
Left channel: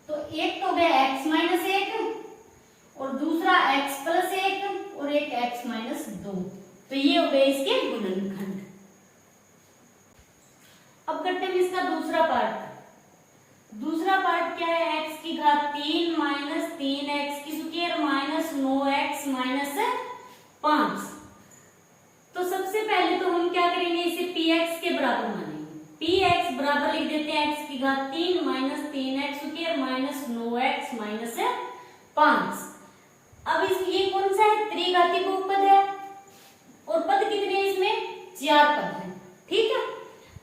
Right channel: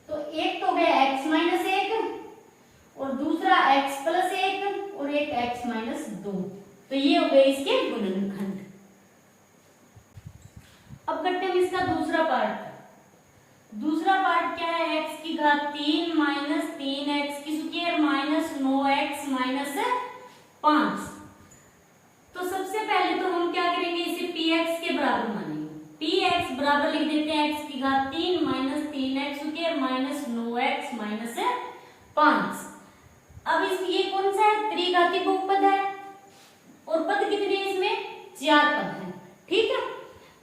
तो एक तो हो गया x माइनस 1 और दूसरा x प्लस 1 और एक x माइनस 2। तो ये हो गए इसके गुणनखंड। अब करते हैं इसका दूसरा पार्ट। दूसरा पार्ट क्या है, x की घात 3 माइनस 3x की स्क्वायर माइनस 9x माइनस 5। तो सबसे पहले तो हम क्या करेंगे, इसे px के बराबर मानेंगे। px बराबर लिख देते हैं x की घात 3 minus 3x square minus 9x minus 5। अब इस ये कौन सा है, त्रिघाती बहुपद है, और पद कितने हैं इसमें, 4 पद हैं, ठीक है।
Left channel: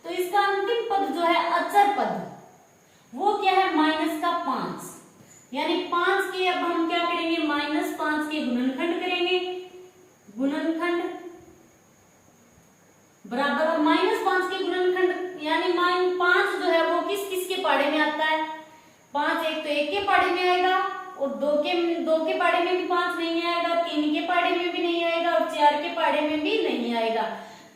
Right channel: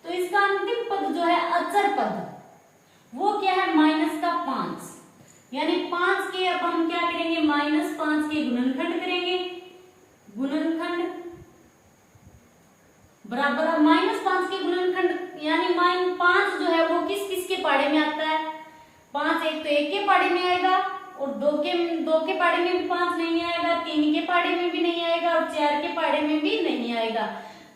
तो इसका अंतिम पद जो है अचर पद, वो क्या है, माइनस का 5, यानी 5 के अब हम क्या करेंगे, माइनस 5 के गुणनखंड करेंगे, गुणनखंड बराबर माइनस 5 के गुणनखंड, यानी माइनस 5 जो है वो किस किस के पाड़े में आता है, 5 एक तो 1 के पाड़े में आएगा, और 2 के पाड़े में भी 5 नहीं आएगा, 3 के पाड़े में भी नहीं आएगा, और 4 के पाड़े में भी नहीं आएगा।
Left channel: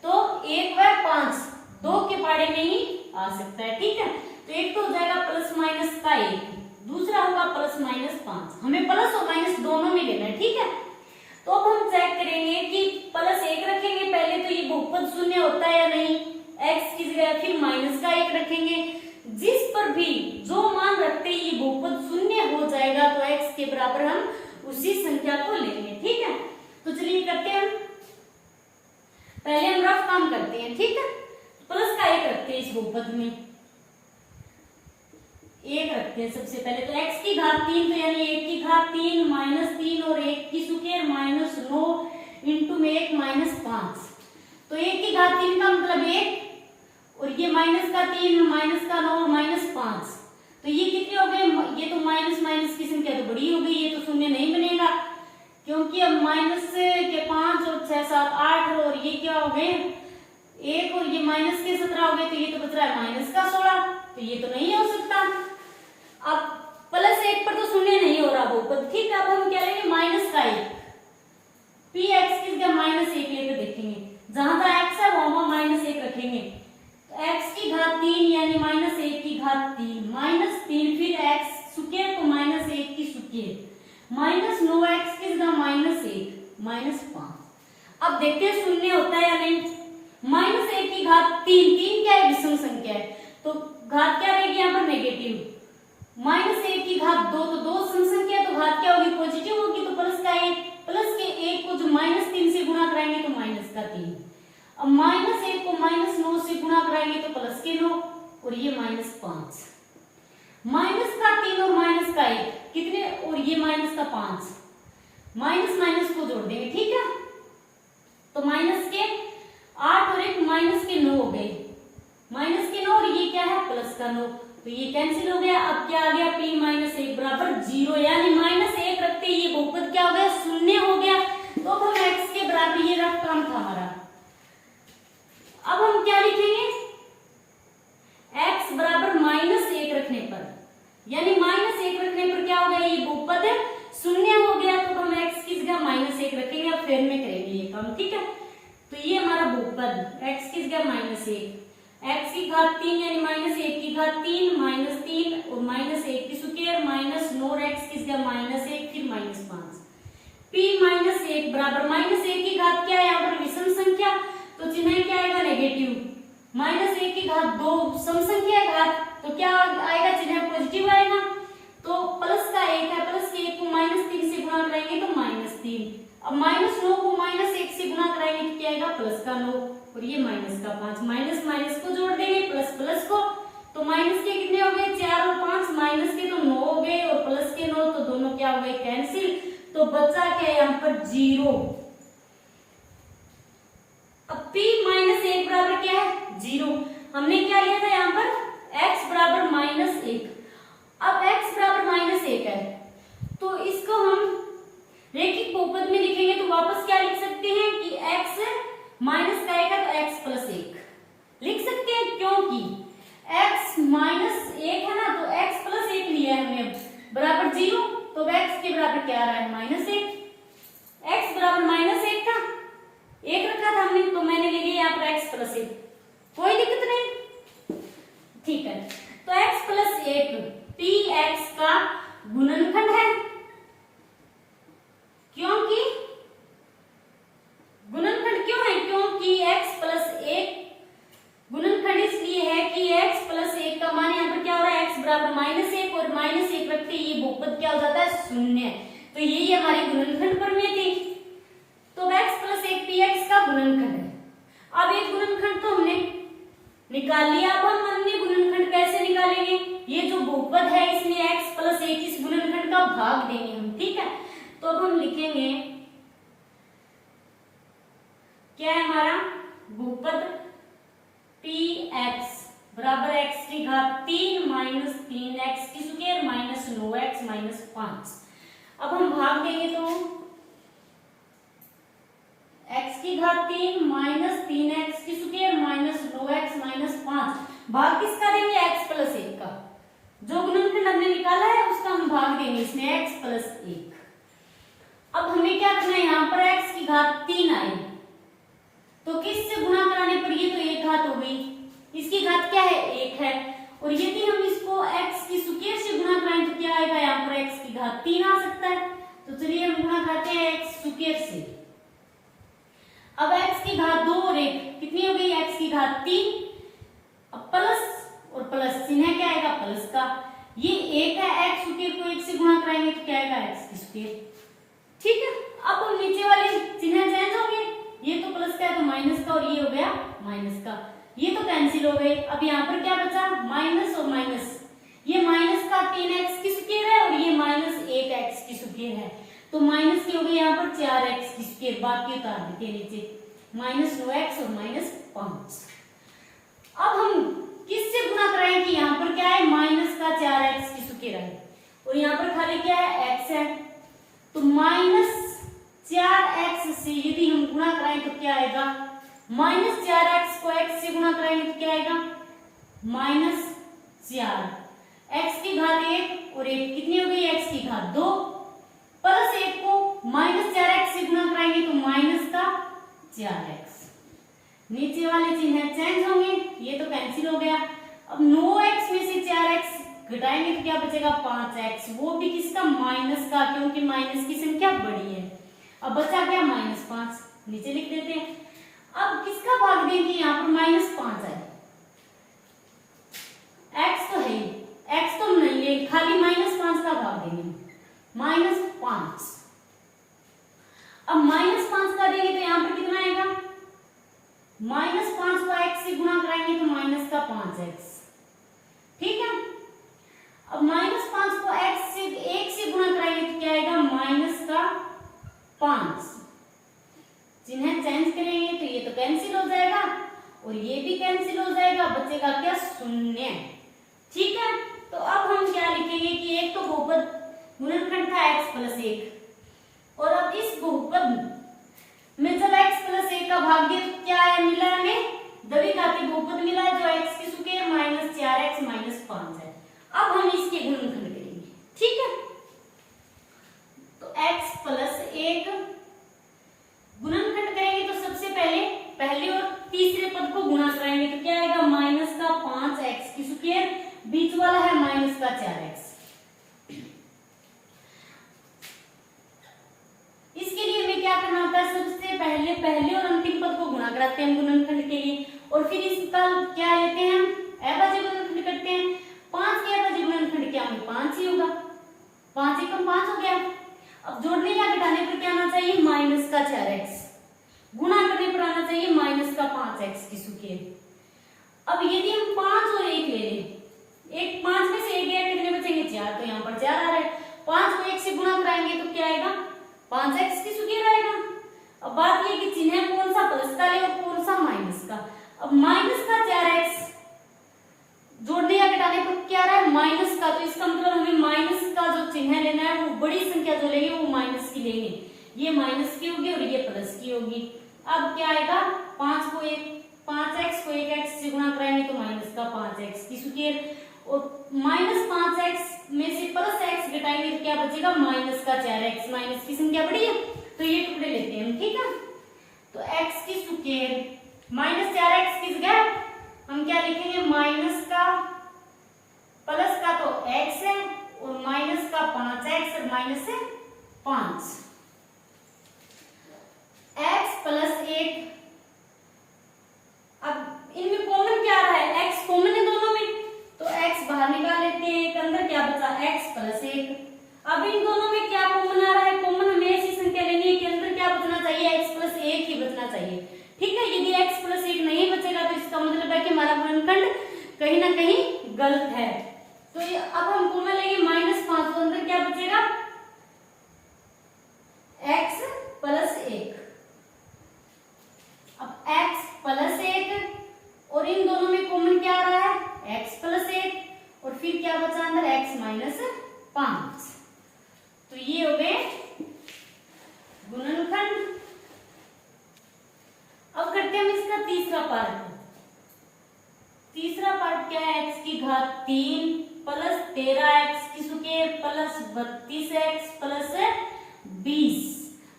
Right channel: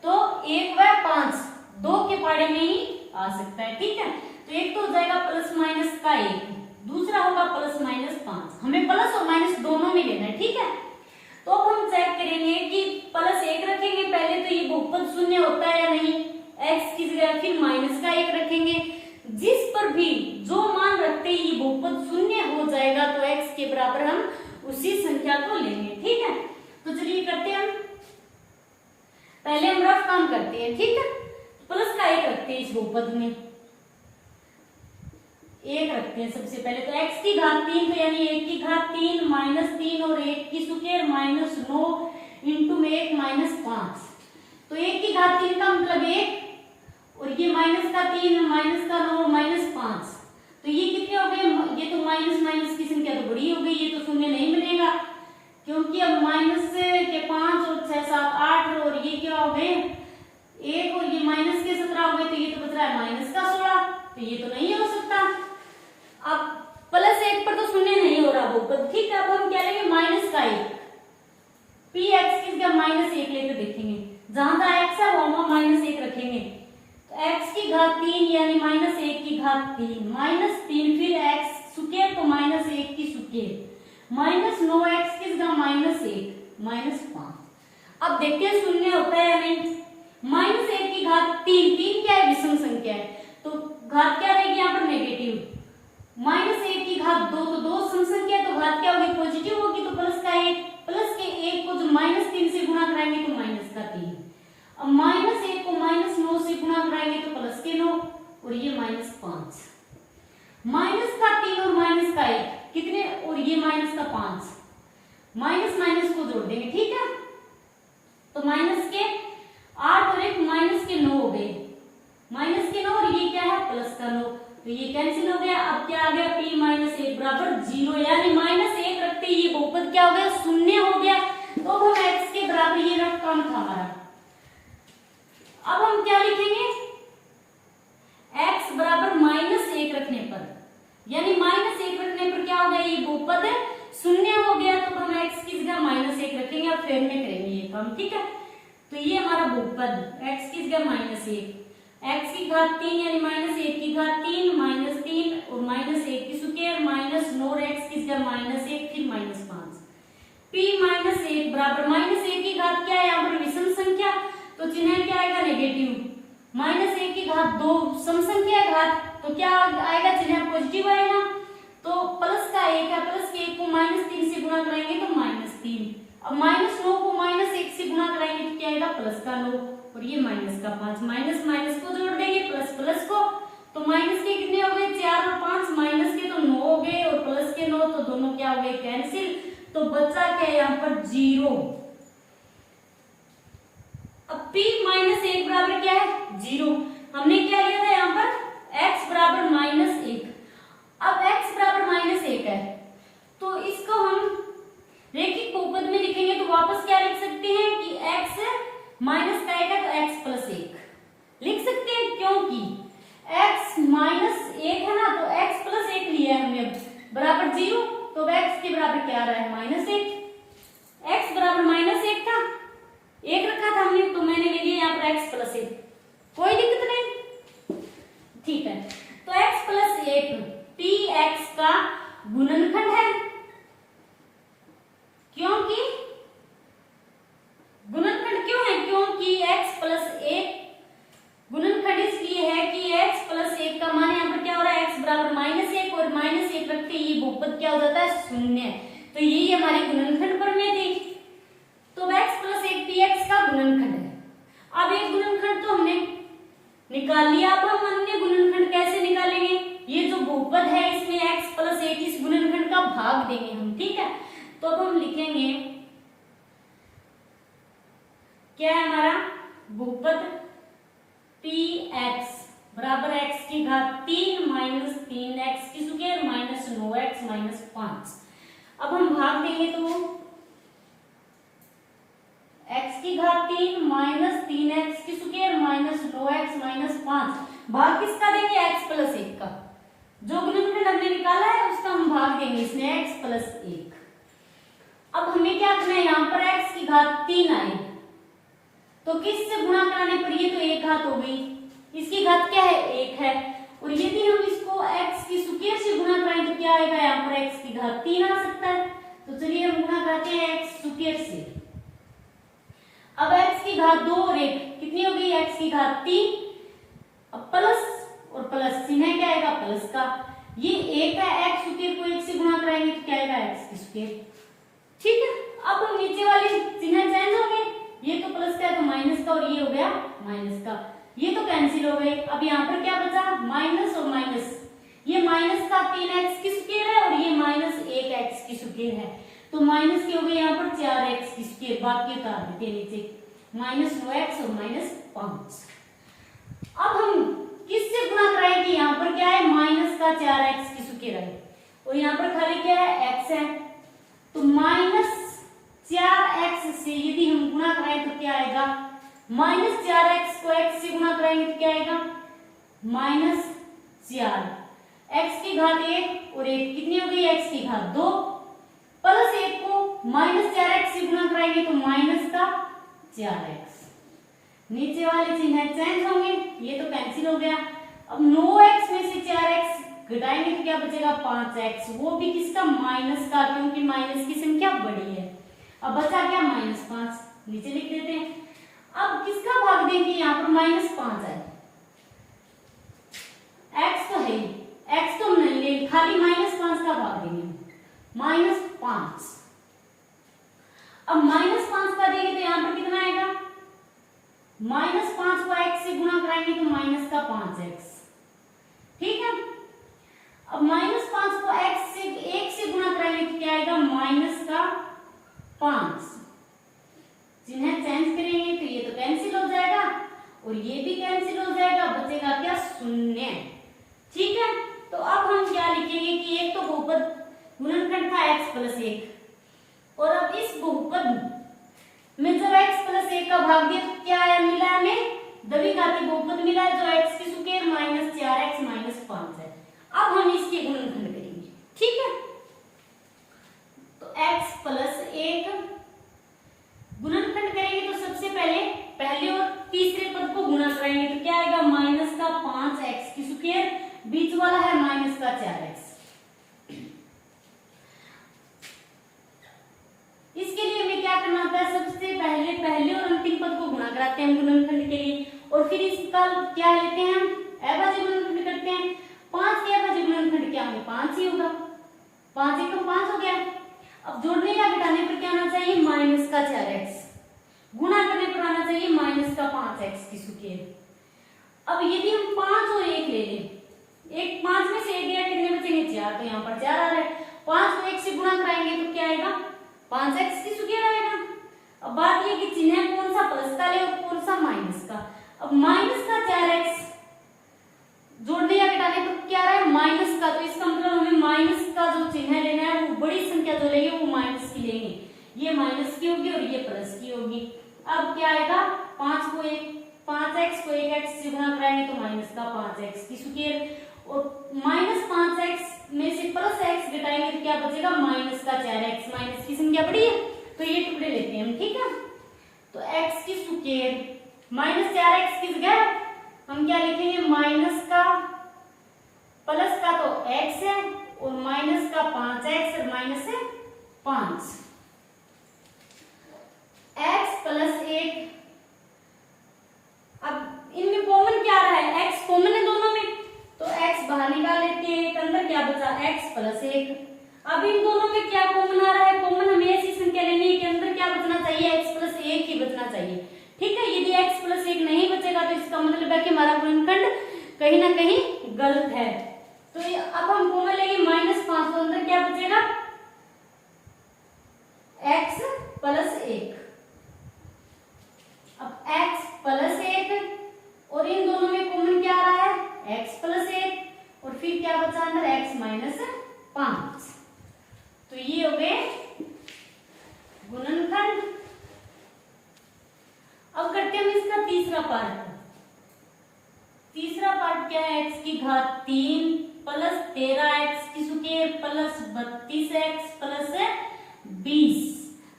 तो 1 व 5 2 के पाड़े में ही आ सकता है, ठीक है। तो एक तो हो जाएगा प्लस माइनस का 1, दूसरा होगा प्लस माइनस 5। हमें प्लस और माइनस दोनों में लेना है, ठीक है। तो अब हम चेक करेंगे कि प्लस 1 रखेंगे पहले, तो ये बहुपद शून्य होता है या नहीं, x की जगह फिर माइनस का 1 रखेंगे, जिस पर भी जो मान रखते हैं ये बहुपद शून्य हो जाएगा तो x के बराबर हम उसी संख्या को लेंगे, ठीक है। तो चलिए करते हैं, पहले हम रफ काम करते हैं, ठीक है। प्लस का 1 रखते हैं इस बहुपद में, 1 रखते हैं सबसे पहले, तो x की घात 3, तो यानी 1 की घात 3 माइनस 3 और 1 की स्क्वायर माइनस 9 इंटू में 1 माइनस 5। तो 1 की घात 3 का मतलब 1, और ये माइनस का 3 माइनस का 9 माइनस 5, तो ये कितने हो गए, ये तो माइनस माइनस की संख्या तो बड़ी हो गई, ये तो शून्य नहीं बनेगा, क्योंकि अब माइनस के 5 और 6 7 8 और ये क्या हो गए 1 और ये माइनस के 17 हो गए, तो ये तो बच रहा है माइनस का 16, तो ये तो नहीं हो सकता। अब प्लस 1 पर तो शून्य नहीं हो रहा बहुपद, ठीक है। अब हम क्या लेंगे, माइनस का 1, पी एक्स की जगह माइनस 1 लेकर देखेंगे, जहां का x है वहां माइनस 1 रखेंगे, तो x की घात 3 यानी माइनस 1 की घात 3 माइनस 3 फिर x स्क्वायर तो माइनस 1 की स्क्वायर माइनस 9x की जगह माइनस 1 माइनस 5। अब देखते हैं शून्य होता है या नहीं, माइनस 1 की घात 3 क्या है, विषम संख्या है, तो घात क्या रहेगी यहाँ पर, नेगेटिव। माइनस 1 की घात 2, तो 2 सम संख्या, तो घात क्या होगी, पॉजिटिव होगी, तो प्लस का 1, प्लस के 1 को जो माइनस 3 से गुणा कराएंगे तो माइनस का 3, अब माइनस 1 को माइनस 9 से गुणा कराएंगे तो प्लस के 9, और ये माइनस 5, माइनस का 3 और माइनस का 1 कितने, और ये माइनस का 5, माइनस माइनस को जोड़ देंगे, ठीक है। तो माइनस के 8 और 1 माइनस के 9 हो गए, माइनस के 9 और ये क्या है, प्लस का 9, तो ये कैंसिल हो गया। अब क्या आ गया, p माइनस 1 बराबर 0, यानी माइनस 1 रखते ही ये बहुपद क्या हो गया, शून्य हो गया। तो अब हम x के बराबर, ये रफ काम था हमारा। अब हम क्या लिखेंगे, x बराबर माइनस 1 रखने पर, यानी माइनस 1 रखने पर क्या हो गया, ये बहुपद शून्य हो गया, तो हम x की जगह माइनस 1 रखेंगे, अब फिर में करेंगे ये काम, ठीक है। तो ये हमारा बहुपद x की जगह माइनस 1, x की घात 3 यानी माइनस 1 की घात 3 माइनस 3 और माइनस 1 की स्क्वायर माइनस 9x की जगह माइनस 1 फिर माइनस 5, p माइनस 1 बराबर माइनस 1 की घात क्या है, यहाँ पर विषम संख्या, तो चिन्ह क्या आएगा, नेगेटिव। माइनस 1 की घात 2 सम संख्या है घात, तो क्या आएगा, चिन्ह पॉजिटिव अब -9 को -1 से गुणा कराएंगे तो क्या आएगा, प्लस का 9 और ये माइनस का 5, माइनस माइनस को जोड़ देंगे प्लस प्लस को, तो माइनस के कितने हो गए 4 और 5, माइनस के तो 9 हो गए और प्लस के 9, तो दोनों क्या हो गए कैंसिल, तो बचा क्या यहाँ पर 0। अब p माइनस 1 बराबर क्या है 0। हमने क्या लिया था यहाँ पर x बराबर -1। अब x बराबर -1 है तो इसको हम रैखिक बहुपद में लिखेंगे तो वापस क्या लिख सकते हैं कि x माइनस का 1 है तो x प्लस 1 लिख सकते हैं, क्योंकि x -1 है ना, तो x प्लस 1 लिया है हमने अब बराबर 0, तो x के बराबर क्या आ रहा है -1। x बराबर -1 था, 1 रखा था हमने, तो मैंने ले लिया यहाँ पर x प्लस 1, कोई दिक्कत नहीं, ठीक है। तो x प्लस 1 px का गुणनखंड है, क्योंकि गुणनखंड क्यों है, क्योंकि x प्लस 1 गुणनखंड इसलिए है कि x प्लस 1 का मान यहाँ पर क्या हो रहा है, x बराबर -1 और -1 रख के ये बहुपद क्या हो जाता है 0, तो यही हमारी गुणनखंड प्रमेय थी। तो x प्लस 1 px का गुणनखंड है। अब एक गुणनखंड तो हमने निकाल लिया, अब हम अन्य गुणनखंड कैसे निकालेंगे, ये जो बहुपद है इसमें x प्लस 1 इस गुणनखंड का भाग देंगे हम, ठीक है। तो अब हम लिखेंगे क्या है हमारा बहुपद px बराबर x की घात 3 माइनस 3x की स्क्वायर माइनस 9x माइनस 5। अब हम भाग देंगे तो x की घात 3 माइनस 3x की स्क्वायर माइनस 9x माइनस 5, भाग किसका देंगे x प्लस 1 का, जो गुणनखंड हमने निकाला है उसका हम भाग देंगे इसमें x प्लस 1। अब हमें क्या करना है, यहाँ पर x की घात 3 आए तो किससे गुणा कराने पर ये तो 1 घात हो गई, इसकी घात क्या है 1 है, और यदि हम इसको x की स्क्वायर से गुणा कराएं तो क्या आएगा, यहाँ पर x की घात 3 आ सकता है, तो चलिए हम गुणा करते हैं x स्क्वायर से। अब x की घात 2 और 1 कितनी हो गई, x की घात 3, अब प्लस और प्लस चिन्ह क्या आएगा प्लस का, ये 1 है, x स्क्वायर को 1 से गुणा कराएंगे तो क्या आएगा x की स्क्वायर, ठीक है। अब हम नीचे वाले चिन्ह चेंज हो गए, ये तो प्लस का है तो माइनस का, और ये हो गया माइनस का, ये तो कैंसिल हो गए। अब यहाँ पर क्या बचा माइनस और माइनस, ये माइनस का 3x की स्क्वायर है और ये माइनस 1x की स्क्वायर है, तो माइनस की हो गई यहाँ पर 4x की स्क्वायर, बाकी उतार देते नीचे माइनस 9x और माइनस 5। अब हम किससे गुणा कराएं कि यहाँ पर क्या है माइनस का 4x की स्क्वायर है और यहाँ पर खाली क्या है x है, तो माइनस 4x से यदि हम गुणा कराएं तो क्या आएगा, माइनस 4x को x से गुणा कराएंगे तो क्या आएगा माइनस 4, x की घात 1 और 1 कितनी हो गई x की घात 2, प्लस 1 को माइनस 4x से गुणा कराएंगे तो माइनस का 4x, नीचे वाले चिन्ह चेंज होंगे, ये तो कैंसिल हो गया। अब 9x में से 4x घटाएंगे तो क्या बचेगा 5x, वो भी किसका माइनस का, क्योंकि माइनस की संख्या बड़ी है। अब बचा क्या -5, नीचे लिख देते हैं। अब किसका भाग देंगे, यहाँ पर -5 है, x तो है ही, x तो नहीं है, खाली -5 का भाग देंगे -5। अब -5 का देंगे तो यहाँ पर कितना आएगा, -5 को x से गुणा कराएंगे तो माइनस का 5x, ठीक है। अब -5 को x से 1 से गुणा कराएंगे तो क्या आएगा माइनस का 5, चिन्ह चेंज करेंगे तो ये तो कैंसिल हो जाएगा और ये भी कैंसिल हो जाएगा, बचेगा क्या 0, ठीक है। तो अब हम क्या लिखेंगे कि एक तो बहुपद गुणनखंड था x प्लस 1 और अब इस बहुपद में जब x प्लस 1 का भाग दिया तो क्या है मिला, हमें द्विघाती बहुपद मिला है जो x की स्क्वायर माइनस 4x माइनस 5 है। अब हम इसके गुणनखंड करेंगे, ठीक है। तो x प्लस 1 गुणनखंड करेंगे तो सबसे पहले और तीसरे पद को गुणा कराएंगे तो क्या आएगा माइनस का 5x की स्क्वायर, बीच वाला है माइनस का 4x। इसके लिए हमें क्या करना होता है, सबसे पहले और अंतिम पद को गुणा कराते हैं हम गुणनखंड के लिए, और फिर इसका क्या लेते हैं हम अभाज्य गुणनखंड करते हैं। 5 के अभाज्य गुणनखंड क्या होंगे 5 ही होगा, 5 एकम 5 हो गया। अब जोड़ने या घटाने पर क्या आना चाहिए, माइनस का 4x, गुणा करने पर आना चाहिए माइनस का 5x की स्क्वायर। अब यदि हम 5 और 1 ले लें, एक 5 में से 1 गया, कितने बचेंगे 4, तो यहाँ पर 4 आ रहा है। 5 को 1 से गुणा कराएंगे तो क्या आएगा, 5x की स्क्वायर आएगा। अब बात ये कि चिन्ह कौन सा प्लस का ले और कौन सा माइनस का। अब माइनस का 4x जोड़ने या घटाने पर क्या आ रहा है, माइनस का, तो इसका मतलब हमें माइनस का जो चिन्ह लेना है वो बड़ी संख्या जो लेंगे वो माइनस की लेंगे। ये माइनस की होगी और ये प्लस की होगी। अब क्या आएगा, 5x को 1x से गुणा कराएंगे तो माइनस का 5x की स्क्वायर, और माइनस 5x में से प्लस x घटाएंगे तो क्या बचेगा, माइनस का 4x। माइनस की संख्या बड़ी है तो ये टुकड़े लेते हैं हम, ठीक है। तो x की स्क्वायर माइनस 4x की जगह हम क्या लिखेंगे, माइनस का प्लस का तो x है और माइनस का 5x और माइनस है 5, x प्लस 1। अब इनमें कॉमन क्या आ रहा है, x कॉमन है दोनों में, तो x बाहर निकाल लेते हैं, एक अंदर क्या बचा, x प्लस 1। अब इन दोनों में क्या कॉमन आ रहा है, कॉमन हमें ऐसी संख्या लेनी है कि अंदर क्या बचना चाहिए, x प्लस 1 ही बचना चाहिए, ठीक है। यदि x प्लस 1 नहीं बचेगा तो इसका मतलब है कि हमारा गुणनखंड कहीं ना कहीं गलत है। तो ये अब हम कॉमन लेंगे -5, तो अंदर क्या बचेगा, x प्लस 1। अब x प्लस 1 और इन दोनों में कॉमन क्या आ रहा है, x प्लस 1 और फिर क्या बचा अंदर, x माइनस 5। तो ये हो गए गुणनखंड। अब करते हैं हम इसका तीसरा पार्ट। तीसरा पार्ट क्या है, x की घात 3 प्लस 13x की स्क्वायर प्लस 32x प्लस 20।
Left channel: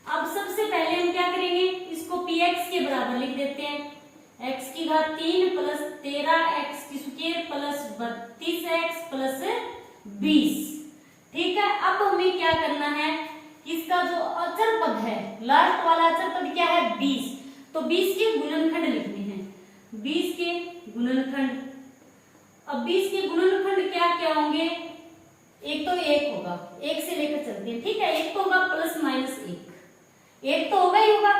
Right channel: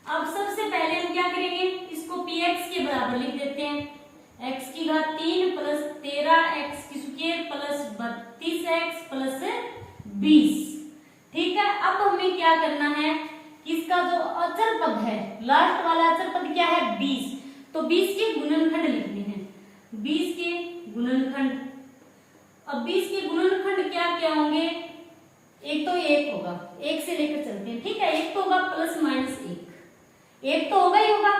अब सबसे पहले हम क्या करेंगे, इसको px के बराबर लिख देते हैं। x की घात 3 प्लस 13x की स्क्वायर प्लस 32x प्लस 20, ठीक है। अब हमें क्या करना है, इसका जो अचर पद है, लास्ट वाला अचर पद क्या है, 20, तो 20 के गुणनखंड लिखने हैं, 20 के गुणनखंड। अब 20 के गुणनखंड क्या क्या होंगे, एक तो 1 होगा, 1 से लेकर चलते हैं, ठीक है। एक तो होगा प्लस माइनस 1 तो होगा ही होगा।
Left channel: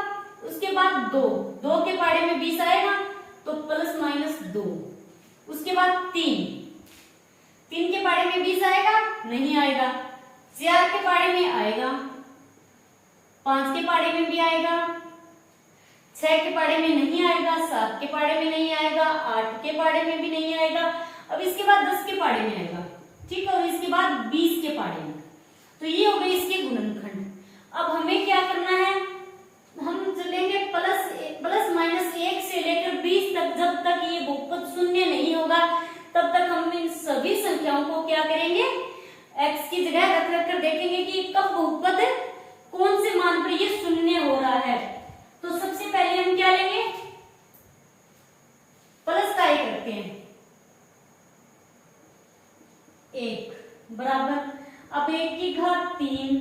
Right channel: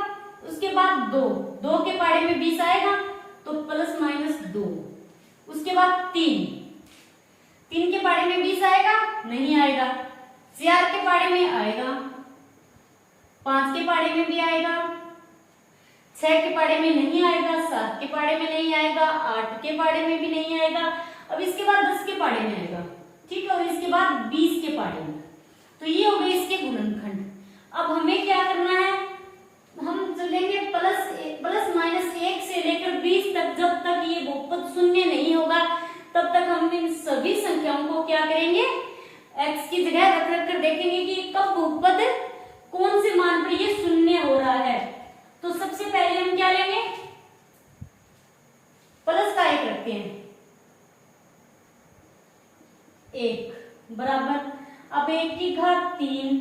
उसके बाद 2 के पाड़े में 20 आएगा तो प्लस माइनस 2। उसके बाद 3 के पाड़े में 20 आएगा, नहीं आएगा। 4 के पाड़े में आएगा, 5 के पाड़े में भी आएगा, 6 के पाड़े में नहीं आएगा, 7 के पाड़े में नहीं आएगा, 8 के पाड़े में भी नहीं आएगा। अब इसके बाद 10 के पाड़े में आएगा, ठीक है, और इसके बाद 20 के पाड़े में। तो ये हो गए इसके गुणनखंड। अब हमें क्या करना है, हम चलेंगे प्लस माइनस 1 से लेकर 20 तक। जब तक ये बहुपद शून्य नहीं होगा तब तक हम इन सभी संख्याओं को क्या करेंगे, x की जगह रख रख कर देखेंगे कि कब बहुपद कौन से मान पर ये शून्य हो रहा है। तो सबसे पहले हम क्या लेंगे, प्लस का 1 रखते हैं, 1 बराबर। अब 1 की घात 3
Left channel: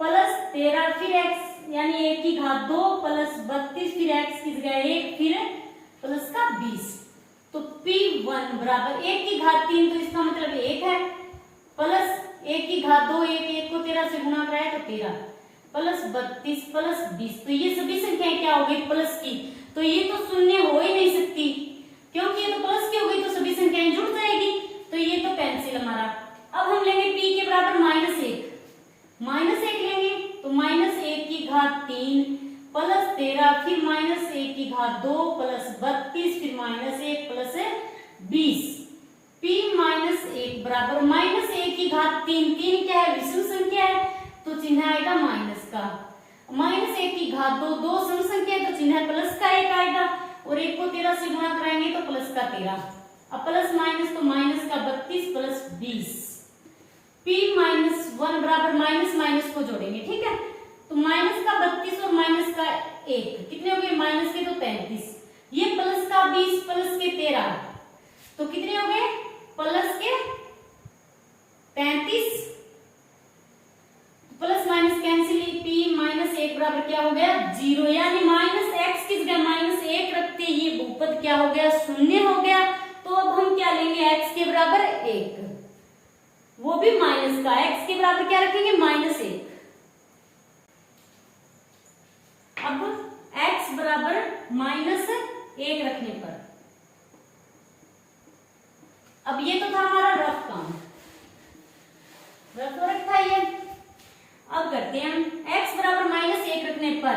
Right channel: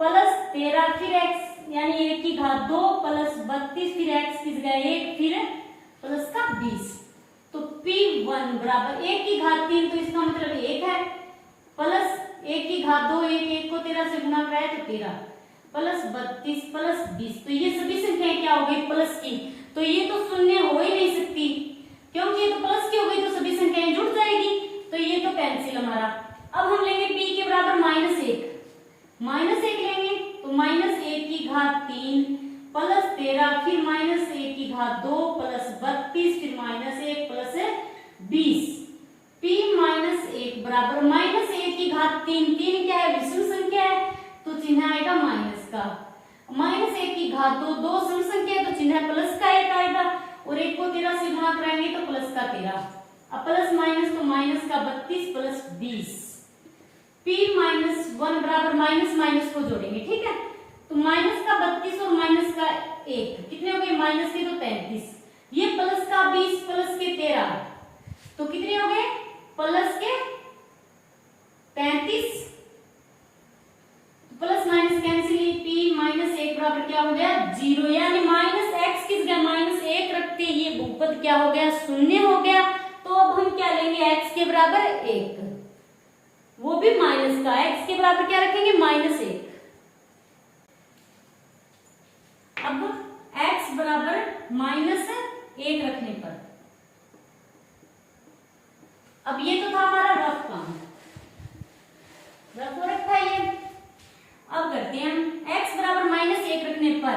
प्लस 13 फिर x यानी 1 की घात 2 प्लस 32 फिर x की जगह 1 फिर प्लस का 20। तो P1 बराबर 1 की घात 3, तो इसका मतलब 1 है, प्लस 1 की घात 2, 1 को 13 से गुणा कराया तो 13 प्लस 32 प्लस 20। तो ये सभी संख्याएं क्या हो गई, प्लस की। तो ये तो शून्य हो ही नहीं सकती, क्योंकि ये तो प्लस की हो गई तो सभी संख्याएं जुड़ जाएगी। तो ये तो कैंसिल हमारा। अब हम लेंगे p के बराबर -1 लेंगे, तो -1 की घात 3 प्लस 13 फिर -1 की घात 2 प्लस 32 फिर -1 प्लस 20। p -1 बराबर -1 की घात 3 क्या है, विषम संख्या है तो चिन्ह आएगा माइनस का। -1 की घात 2 सम संख्या है तो चिन्ह प्लस का 1 आएगा, और 1 को 13 से गुणा कराएंगे तो प्लस का 13। अब प्लस माइनस तो माइनस का 32 प्लस 20। p -1 बराबर माइनस माइनस को जोड़ेंगे, ठीक है। तो माइनस का 32 और माइनस का 1 कितने हो गए, माइनस के तो 35, ये प्लस का 20 प्लस के 13 तो कितने हो गए, प्लस के 35। प्लस माइनस कैंसिल, p -1 बराबर क्या हो गया, 0, यानी -x की जगह -1 रखते ये बहुपद क्या हो गया, शून्य हो गया। तो अब हम क्या लेंगे, x के बराबर 1, वो भी माइनस का, x के बराबर क्या रखेंगे, -1। अब x बराबर -1 रखने पर, अब ये तो था हमारा रफ काम, रफ रखा है ये। अब करते हैं x बराबर -1 रखने पर,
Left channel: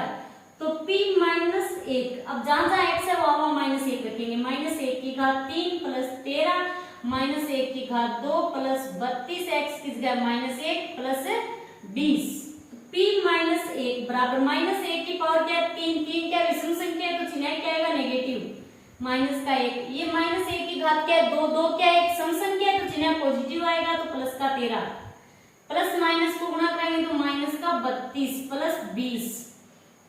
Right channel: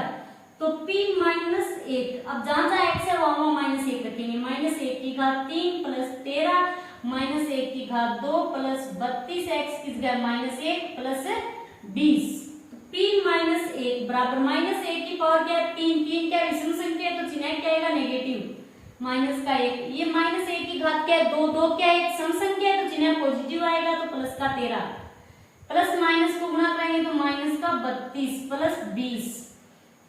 तो p -1, अब जहां जहां x है वहां -1 रखेंगे। -1 की घात 3 प्लस 13 -1 की घात 2 प्लस 32, x की जगह -1 प्लस 20। p -1 बराबर -1 की पावर क्या है 3, 3 क्या विषम संख्या है तो चिन्ह क्या आएगा नेगेटिव, माइनस का 1। ये -1 की घात क्या है 2, 2 क्या है एक सम संख्या है तो चिन्ह पॉजिटिव आएगा तो प्लस का 13, प्लस माइनस को गुणा करेंगे तो माइनस का 32 प्लस 20।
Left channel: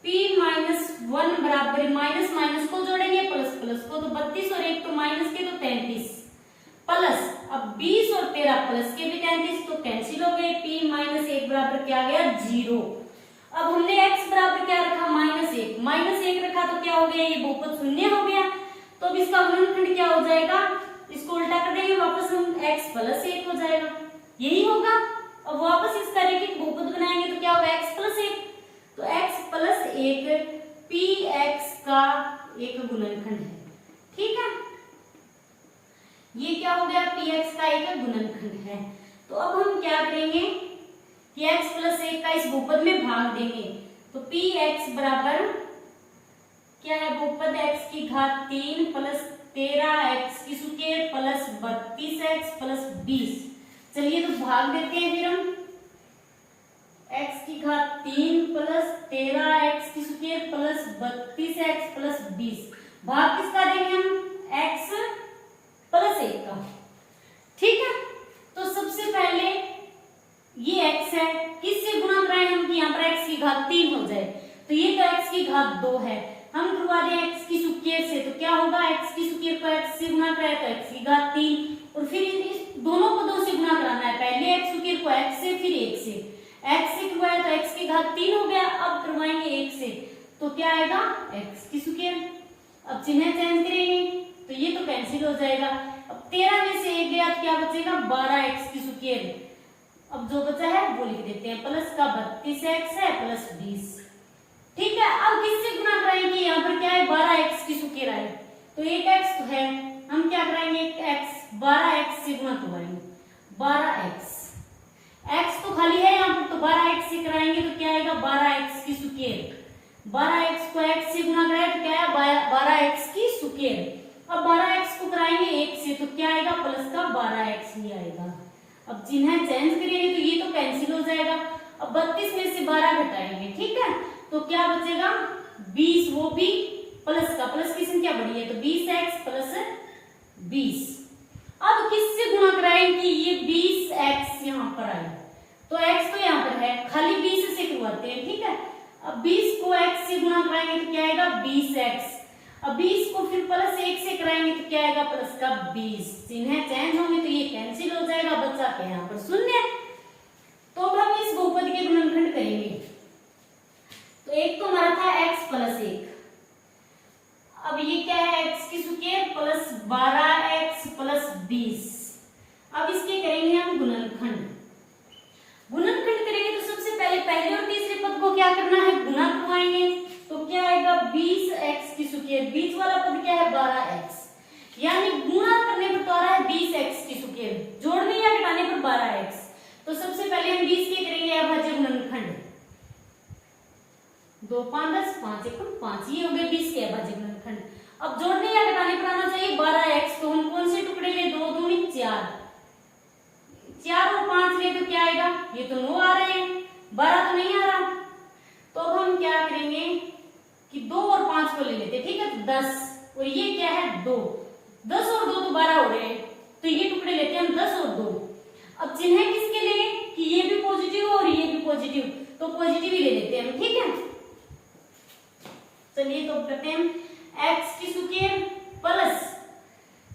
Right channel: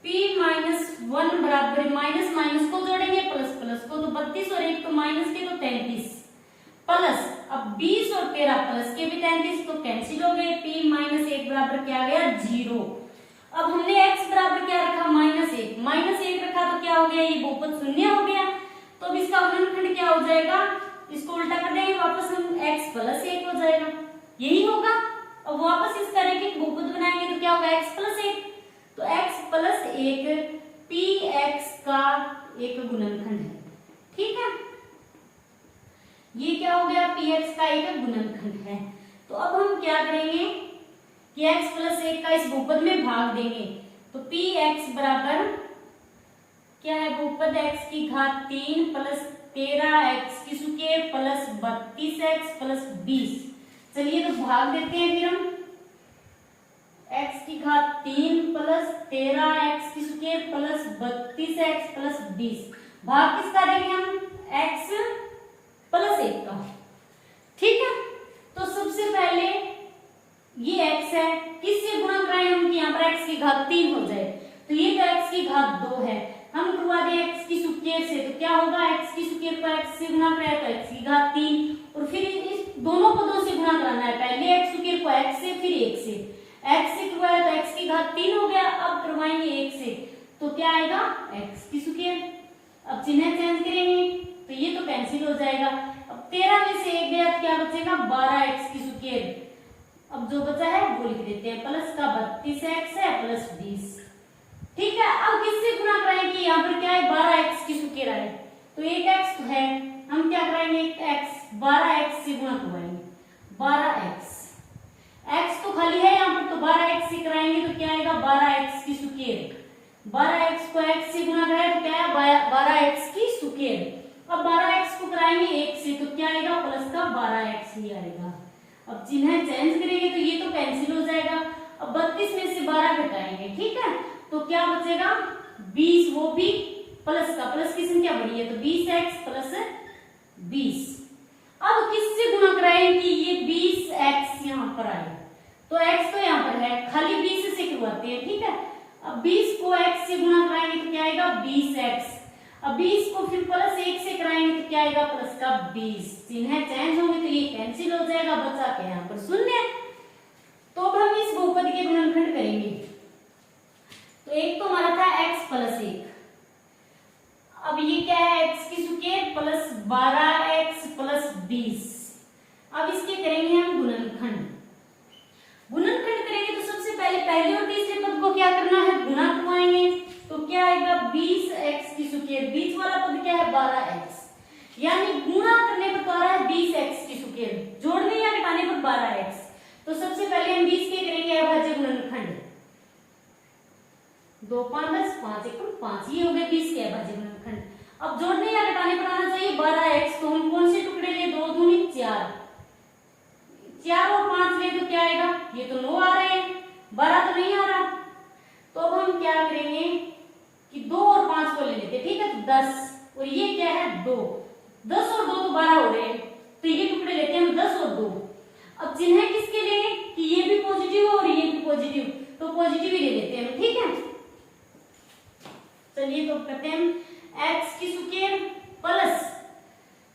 p -1 बराबर माइनस माइनस को जोड़ेंगे प्लस प्लस को, तो 32 और 1 तो माइनस के तो 33 प्लस, अब 20 और 13 प्लस के भी 33 तो कैंसिल हो गए। p -1 बराबर क्या आ गया 0। अब हमने x बराबर क्या रखा -1 रखा तो क्या हो गया ये बहुपद शून्य हो गया, तो अब इसका गुणनखंड क्या हो जाएगा, इसको उल्टा कर देंगे वापस हम x प्लस 1 हो जाएगा, यही होगा। अब वापस इसका रैखिक बहुपद बनाएंगे तो क्या होगा x प्लस 1, तो x प्लस 1 px का एक गुणनखंड है, ठीक है। ये क्या हो गया px का एक गुणनखंड है। तो अब हम क्या करेंगे कि x प्लस 1 का इस बहुपद में भाग देंगे, तो px बराबर क्या है बहुपद x की घात 3 प्लस 13x की स्क्वायर प्लस 32x प्लस 20। चलिए तो भाग देते हैं फिर हम, x की घात 3 प्लस 13x की स्क्वायर प्लस 32x प्लस 20। भाग किसका देंगे हम x प्लस 1 का, ठीक है। तो सबसे पहले ये x है, किससे गुणा कराएं हम कि यहाँ पर x की घात 3 हो जाए, तो ये तो x की घात 2 है, हम करवा दें x की स्क्वायर से, तो क्या होगा x की स्क्वायर को x से गुणा कराए तो x की घात 3, और फिर इस दोनों पदों से गुणा कराना है, पहले x स्क्वायर को x से फिर 1 से, x से करवाया तो x की घात 3 हो गया, अब करवाएंगे 1 से तो क्या आएगा x की स्क्वायर। अब चिन्ह चेंज करेंगे तो ये तो कैंसिल हो जाएगा, अब 13 में से 1 गया तो क्या बचेगा 12x की स्क्वायर। अब जो बचा है वो लिख देते हैं, प्लस का 32x है प्लस 20, ठीक है। अब किससे गुणा कराएंगे, यहाँ पर क्या है 12x की स्क्वायर आए तो एक x तो है, हम क्या कराएंगे x 12x से गुणा करवाएंगे, 12x, x तो खाली है यहाँ पर तो 12x से कराएंगे तो क्या आएगा 12x की स्क्वायर, 12x को x से गुणा कराए तो क्या है 12x की स्क्वायर। अब 12x को कराएंगे 1 से तो क्या आएगा प्लस का 12x ही आएगा। अब चिन्ह चेंज करेंगे तो ये तो कैंसिल हो जाएगा, अब 32 में से 12 घटाएंगे, ठीक है, तो क्या बचेगा 20, वो भी प्लस का, प्लस की संख्या बड़ी है तो 20x प्लस 20। अब किससे गुणा कराएं कि ये 20x यहाँ पर आए, तो x तो यहाँ पर है, खाली 20 से करवाते हैं, ठीक है। अब 20 को x से गुणा कराएंगे तो क्या आएगा 20x, अब 20 को फिर प्लस 1 से कराएंगे तो क्या आएगा प्लस का 20, चिन्ह चेंज होंगे तो ये कैंसिल हो जाएगा, बचा के यहाँ पर शून्य। तो अब हम इस बहुपद के गुणनखंड करेंगे, तो एक तो हमारा था x प्लस 1, अब ये क्या है x की स्क्वायर प्लस 12x प्लस 20। अब इसके करेंगे हम गुणनखंड, गुणनखंड करेंगे तो सबसे पहले और तीसरे पद को क्या करना है गुणा करवाएंगे, तो क्या आएगा 20x की स्क्वायर, बीच वाला पद क्या है 12x, यानी गुणा करने पर तो आ रहा है 20x की स्क्वायर, जोड़ने या घटाने पर 12x। तो सबसे पहले हम 20 के करेंगे अभाज्य गुणनखंड, 2 5 10 5 1 5, ये हो गए 20 के अभाज्य गुणनखंड। अब जोड़ने या घटाने पर आना चाहिए 12x, तो हम कौन से टुकड़े ले 2 दूनी 4, 4 और 5 ले तो क्या आएगा, ये तो 9 आ रहे हैं, 12 तो नहीं आ रहा। तो अब हम क्या करेंगे कि 2 और 5 को ले लेते हैं, ठीक है, तो 10 और ये क्या है 2, 10 और 2 तो 12 हो रहे हैं, तो ये टुकड़े लेते हैं हम 10 और 2। अब चिन्ह किसके लिए कि ये भी पॉजिटिव और ये भी पॉजिटिव, तो पॉजिटिव ही ले लेते हैं हम, ठीक है। चलिए तो करते हैं x की स्क्वायर प्लस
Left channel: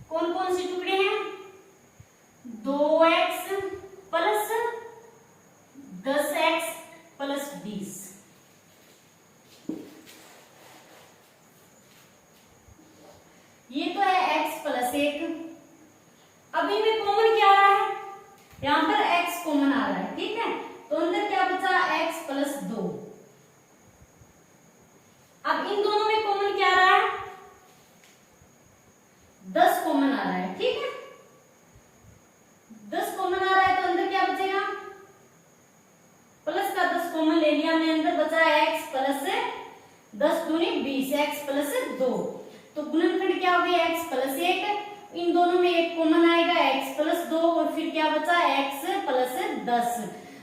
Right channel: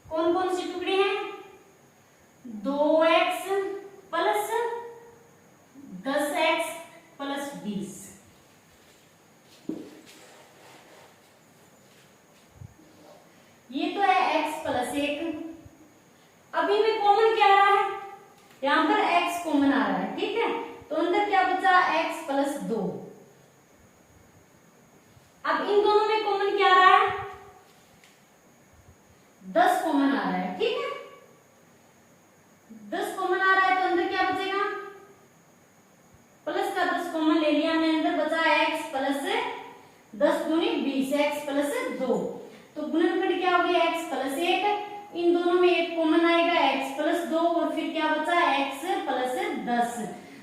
कौन कौन से टुकड़े हैं 2x प्लस 10x प्लस 20, ये तो है x प्लस 1। अभी भी कॉमन क्या आ रहा है, यहाँ पर x कॉमन आ रहा है, ठीक है, तो अंदर क्या बचा x प्लस 2, 10 दूनी 20, x प्लस 2। तो गुणनखंड क्या हो गया, x प्लस 1, इन दोनों में एक कॉमन आएगा x प्लस 2 और फिर क्या बचा x प्लस 10।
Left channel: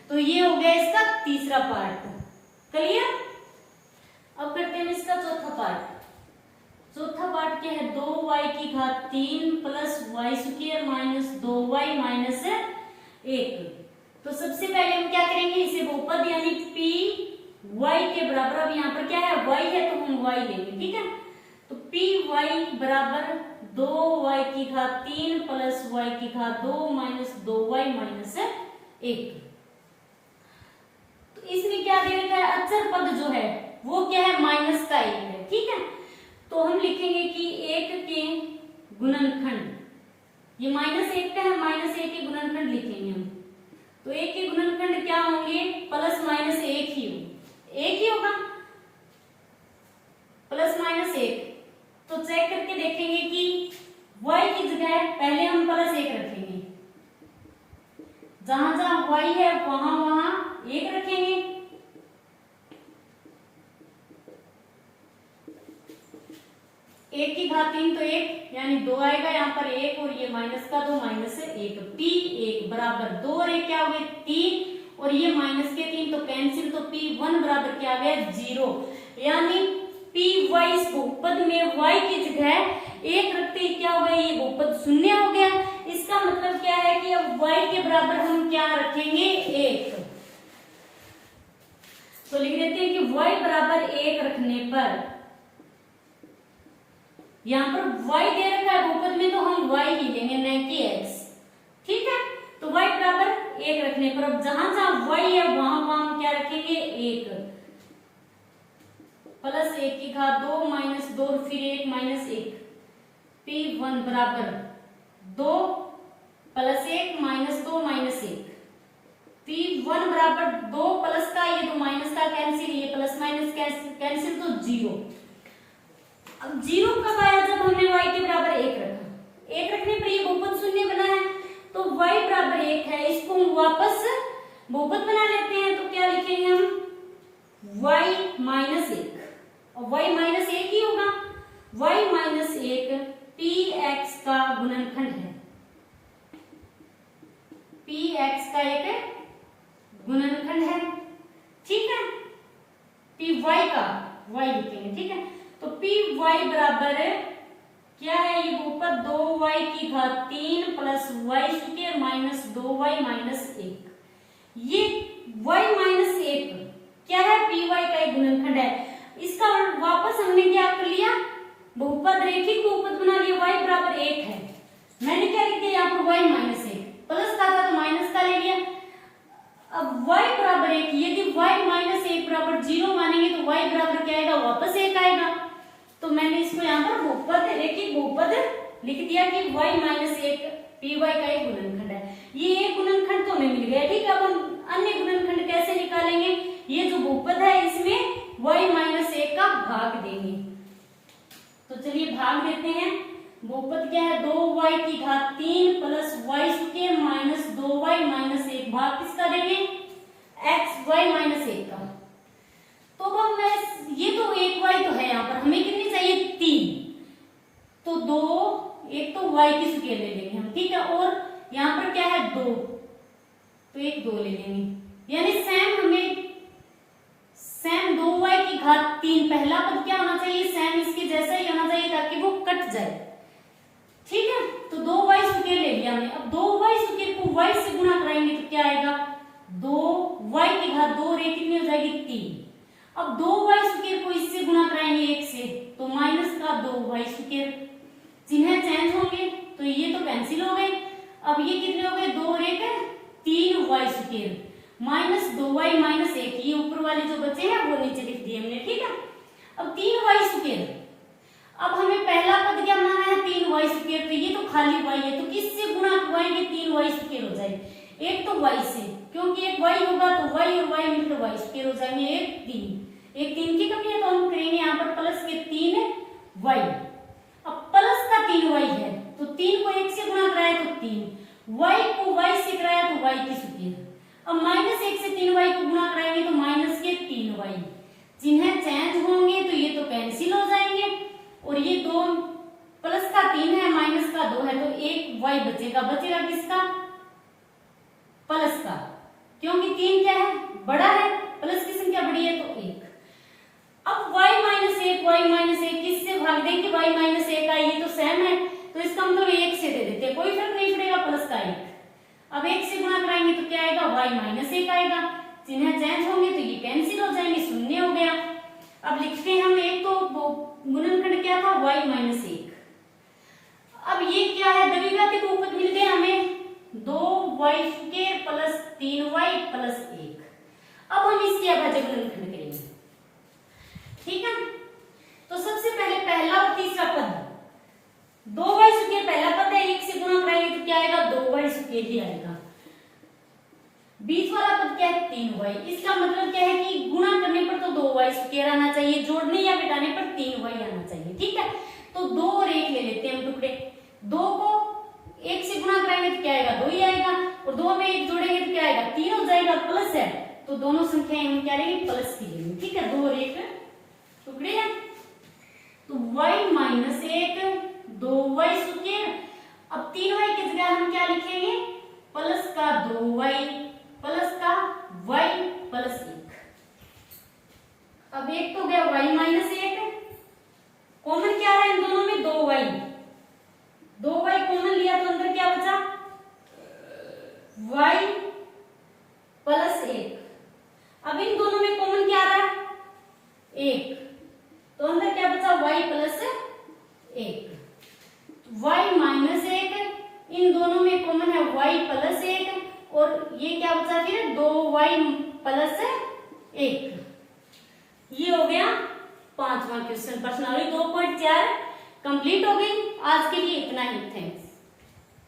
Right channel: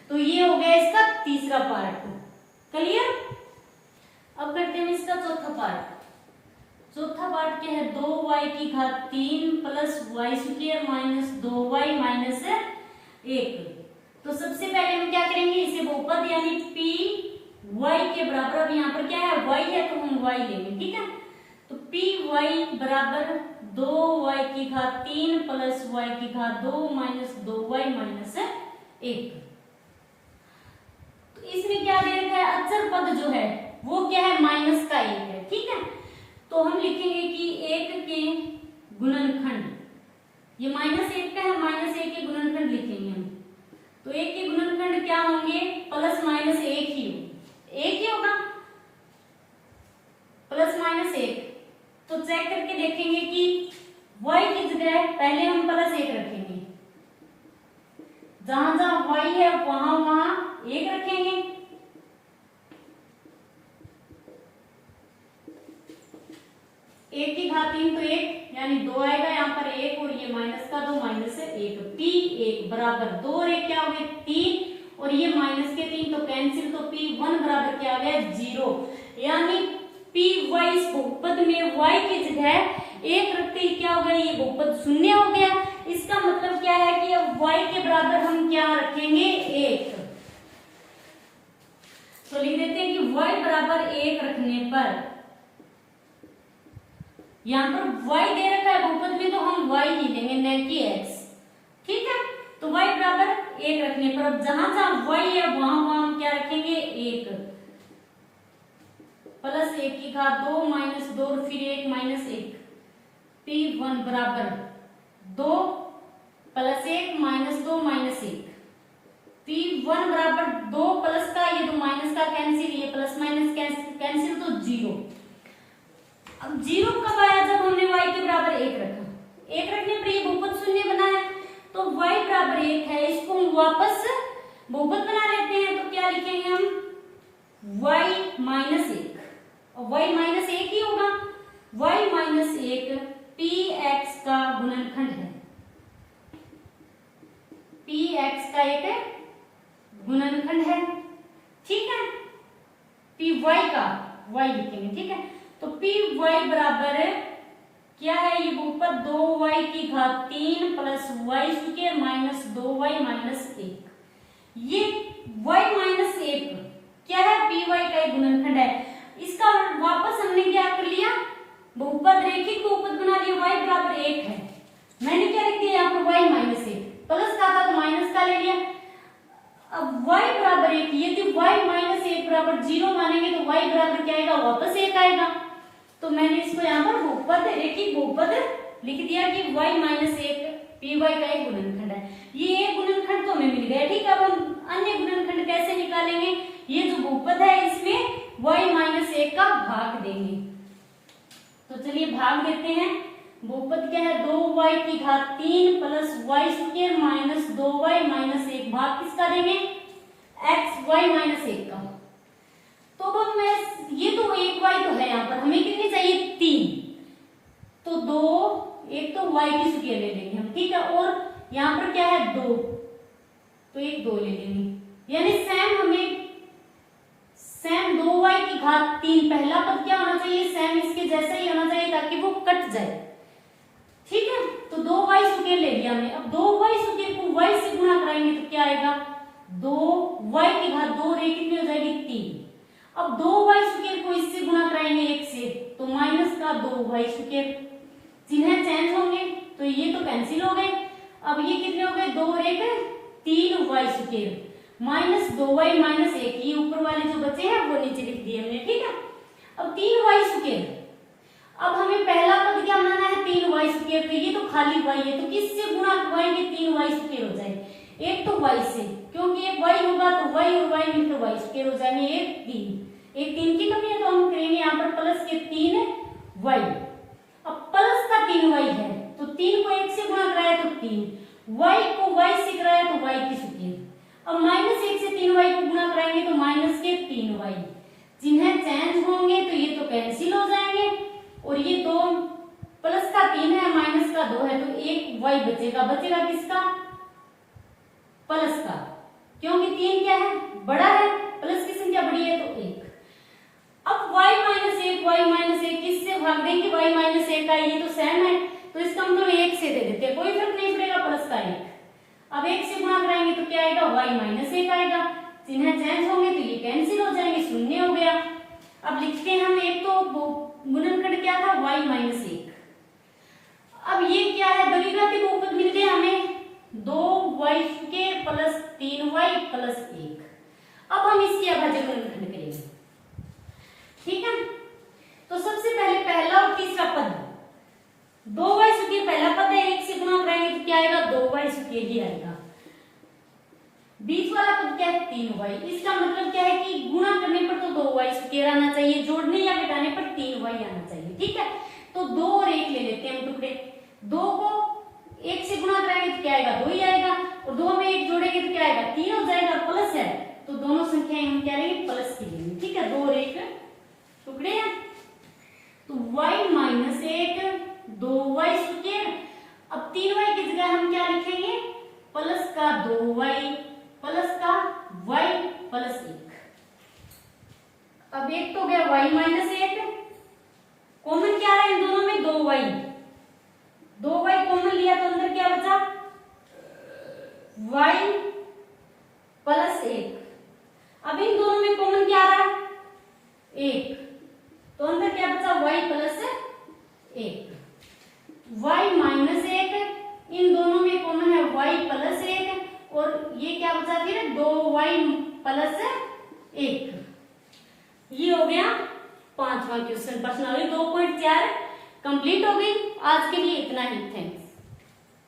तो ये हो गया इसका तीसरा पार्ट। क्लियर। अब करते हैं इसका चौथा पार्ट। चौथा पार्ट क्या है, 2y की घात 3 plus y square minus 2y minus 1। तो सबसे पहले हम क्या करेंगे, इसे बहुपद यानी p y के बराबर, अब यहाँ पर क्या है y है तो हम y लेंगे, ठीक है। तो p y बराबर 2y की घात 3 प्लस y की घात 2 माइनस 2y माइनस 1। तो इसमें क्या दे रखा है, अचर पद जो है वो क्या है, माइनस का 1 है, ठीक है। तो हम लिखेंगे कि 1 के गुणनखंड, ये -1 का है, -1 के गुणनखंड लिखेंगे हम। तो 1 के गुणनखंड क्या होंगे, प्लस माइनस 1 ही होगा, प्लस माइनस 1। तो चेक करके देखेंगे कि y की जगह पहले हम प्लस 1 रखेंगे, जहां जहां y है वहां वहां 1 रखेंगे। एक की घात 3 तो 1 यानी 2 आएगा, यहाँ पर 1 और ये माइनस का 2 माइनस 1, p1 बराबर 2 और 1 क्या हो गया 3 और ये माइनस के 3 तो कैंसिल, तो p1 बराबर क्या आ गया 0। यानी py इस बहुपद में y की जगह 1 रखते ही क्या हो गया, ये बहुपद शून्य हो गया। इसका मतलब क्या है कि अब y के बराबर हम क्या रखेंगे 1। तो लिख देते हैं कि y बराबर 1 रखने पर, यहाँ पर y दे रखा है बहुपद में तो हम y ही लेंगे न कि x, ठीक है। तो y बराबर 1 रखने पर अब जहां जहां y है वहां वहां हम क्या रखेंगे 1, प्लस 1 की घात 2 माइनस 2 और फिर 1 माइनस 1, p1 बराबर 2 प्लस 1 माइनस 2 माइनस 1, p1 बराबर 2 प्लस का ये 2 माइनस का कैंसिल, ये प्लस माइनस कैंसिल तो 0। अब 0 कब आया, जब हमने y के बराबर 1 रखा। 1 रखने पर ये बहुपद शून्य बना है, तो y बराबर 1 है, इसको हम वापस बहुपद बना लेते हैं। तो क्या लिखेंगे हम y माइनस 1, और y माइनस 1 ही होगा, y माइनस 1 px का गुणनखंड है, px का एक गुणनखंड है, ठीक है। py का y लिखेंगे, ठीक है। तो py बराबर क्या है, ये बहुपद 2y की घात 3 plus y square minus 2y minus 1। ये y माइनस 1 क्या है, py का एक गुणनखंड है। इसका वापस हमने क्या कर लिया, बहुपद रेखिक बहुपद बना लिया, y बराबर 1 है। मैंने क्या लिख दिया यहाँ पर y माइनस 1, प्लस का था तो माइनस का ले लिया। अब y बराबर 1, यदि y माइनस 1 बराबर 0 मानेंगे तो y बराबर क्या आएगा, वापस 1 आएगा। तो मैंने इसको यहाँ पर बहुपद रेखिक बहुपद लिख दिया कि y माइनस 1 py का एक गुणनखंड है। ये एक गुणनखंड तो हमें मिल गया, ठीक है। अब हम अन्य गुणनखंड कैसे निकालेंगे, ये जो बहुपद है इसमें y माइनस 1 का भाग देंगे। तो चलिए भाग देते हैं। बहुपद क्या है, 2y की घात 3 plus y square minus 2y minus 1, भाग किसका देंगे, x y माइनस 1 का। तो अब मैं ये तो 1y तो है, यहाँ पर हमें कितनी चाहिए 3, तो 2 एक तो y की स्क्वायर ले लेंगे हम, ठीक है। और यहाँ पर क्या है 2, तो एक 2 ले लेंगे, यानी सेम 2y की घात 3 पहला पद क्या होना चाहिए, सेम इसके जैसा ही होना चाहिए ताकि वो कट जाए, ठीक है। तो 2y स्क्वायर ले लिया हमने। अब 2y स्क्वायर को y से गुणा कराएंगे तो क्या आएगा, 2y की घात 2 और 1 कितनी हो जाएगी 3। अब 2y स्क्वायर को इससे गुणा कराएंगे 1 से, तो माइनस का 2y स्क्वायर, चिन्ह चेंज होंगे तो ये तो कैंसिल हो गए। अब ये कितने हो गए, 2 और 1 3y square minus 2y minus 1, ये ऊपर वाले जो बचे हैं वो नीचे लिख दिए हमने, ठीक है। अब 3y स्क्वायर, अब हमें पहला पद क्या बनाना है 3y स्क्वायर, तो ये तो खाली y है, तो किससे गुणा करवाएंगे 3y स्क्वायर हो जाए, एक तो y से, क्योंकि एक y होगा तो y और y मिलकर y स्क्वायर हो जाएंगे, एक 3 की कमी है तो हम करेंगे यहाँ पर प्लस के 3y। अब प्लस का 3y है तो 3 को 1 से गुणा कराया तो 3, y को y से कराया तो y की स्क्वायर। अब माइनस 1 से 3y को गुणा कराएंगे तो माइनस के 3y, चिन्ह चेंज होंगे तो ये तो कैंसिल हो जाएंगे, और ये 2 प्लस का 3 है माइनस का 2 है, तो एक y बचेगा। बचेगा किसका? प्लस का, क्योंकि 3 क्या है? बड़ा है, प्लस की संख्या बड़ी है तो 1। अब y माइनस 1 किससे भाग देंगे? y माइनस 1 का, ये तो सेम है तो इसका हम तो 1 से दे देते हैं, कोई फर्क नहीं पड़ेगा, प्लस का 1। अब 1 से गुणा कराएंगे तो क्या आएगा? y माइनस 1 आएगा। चिन्ह चेंज होंगे तो ये कैंसिल हो जाएंगे, शून्य हो गया। अब लिखते हैं हम, एक तो गुणनखंड क्या था? y minus 1। अब ये क्या है? द्विघाती बहुपद मिल गए हमें, 2y square plus 3y plus 1। अब हम इसकी अभाज्य गुणनखंड करेंगे, ठीक है। तो सबसे पहले पहला और तीसरा पद, 2y स्क्वायर पहला पद है, 1 से गुणा कराएंगे तो क्या आएगा? 2y स्क्वायर ही आएगा। बीच वाला पद क्या है? 3y। इसका मतलब क्या है कि गुणा करने पर तो 2y स्क्वायर आना चाहिए, जोड़ने या घटाने पर 3y आना चाहिए, ठीक है। तो 2 और 1 ले लेते हैं हम टुकड़े। 2 को 1 से गुणा कराएंगे तो क्या आएगा? 2 ही आएगा, और 2 में 1 जोड़ेंगे तो क्या आएगा? 3 हो जाएगा, प्लस है तो दोनों संख्याएं हम क्या लेंगे? प्लस की लेंगे, ठीक है। 2 और 1 टुकड़े हैं, तो y माइनस 1 2y स्क्वायर। अब 3y की जगह हम क्या लिखेंगे? प्लस का 2y प्लस का y प्लस 1। अब एक तो गया y माइनस 1, कॉमन क्या है इन दोनों में? 2y कॉमन लिया तो अंदर क्या बचा? y plus 1। अब इन दोनों में कॉमन क्या आ रहा है? 1, तो अंदर क्या बचा? y plus 1। y माइनस 1, इन दोनों में कॉमन है y प्लस 1, और ये क्या बचा फिर? 2y plus 1। ये हो गया 5वां क्वेश्चन। प्रश्नावली 2.4 कंप्लीट हो गई। आज के लिए इतना ही, थैंक्स।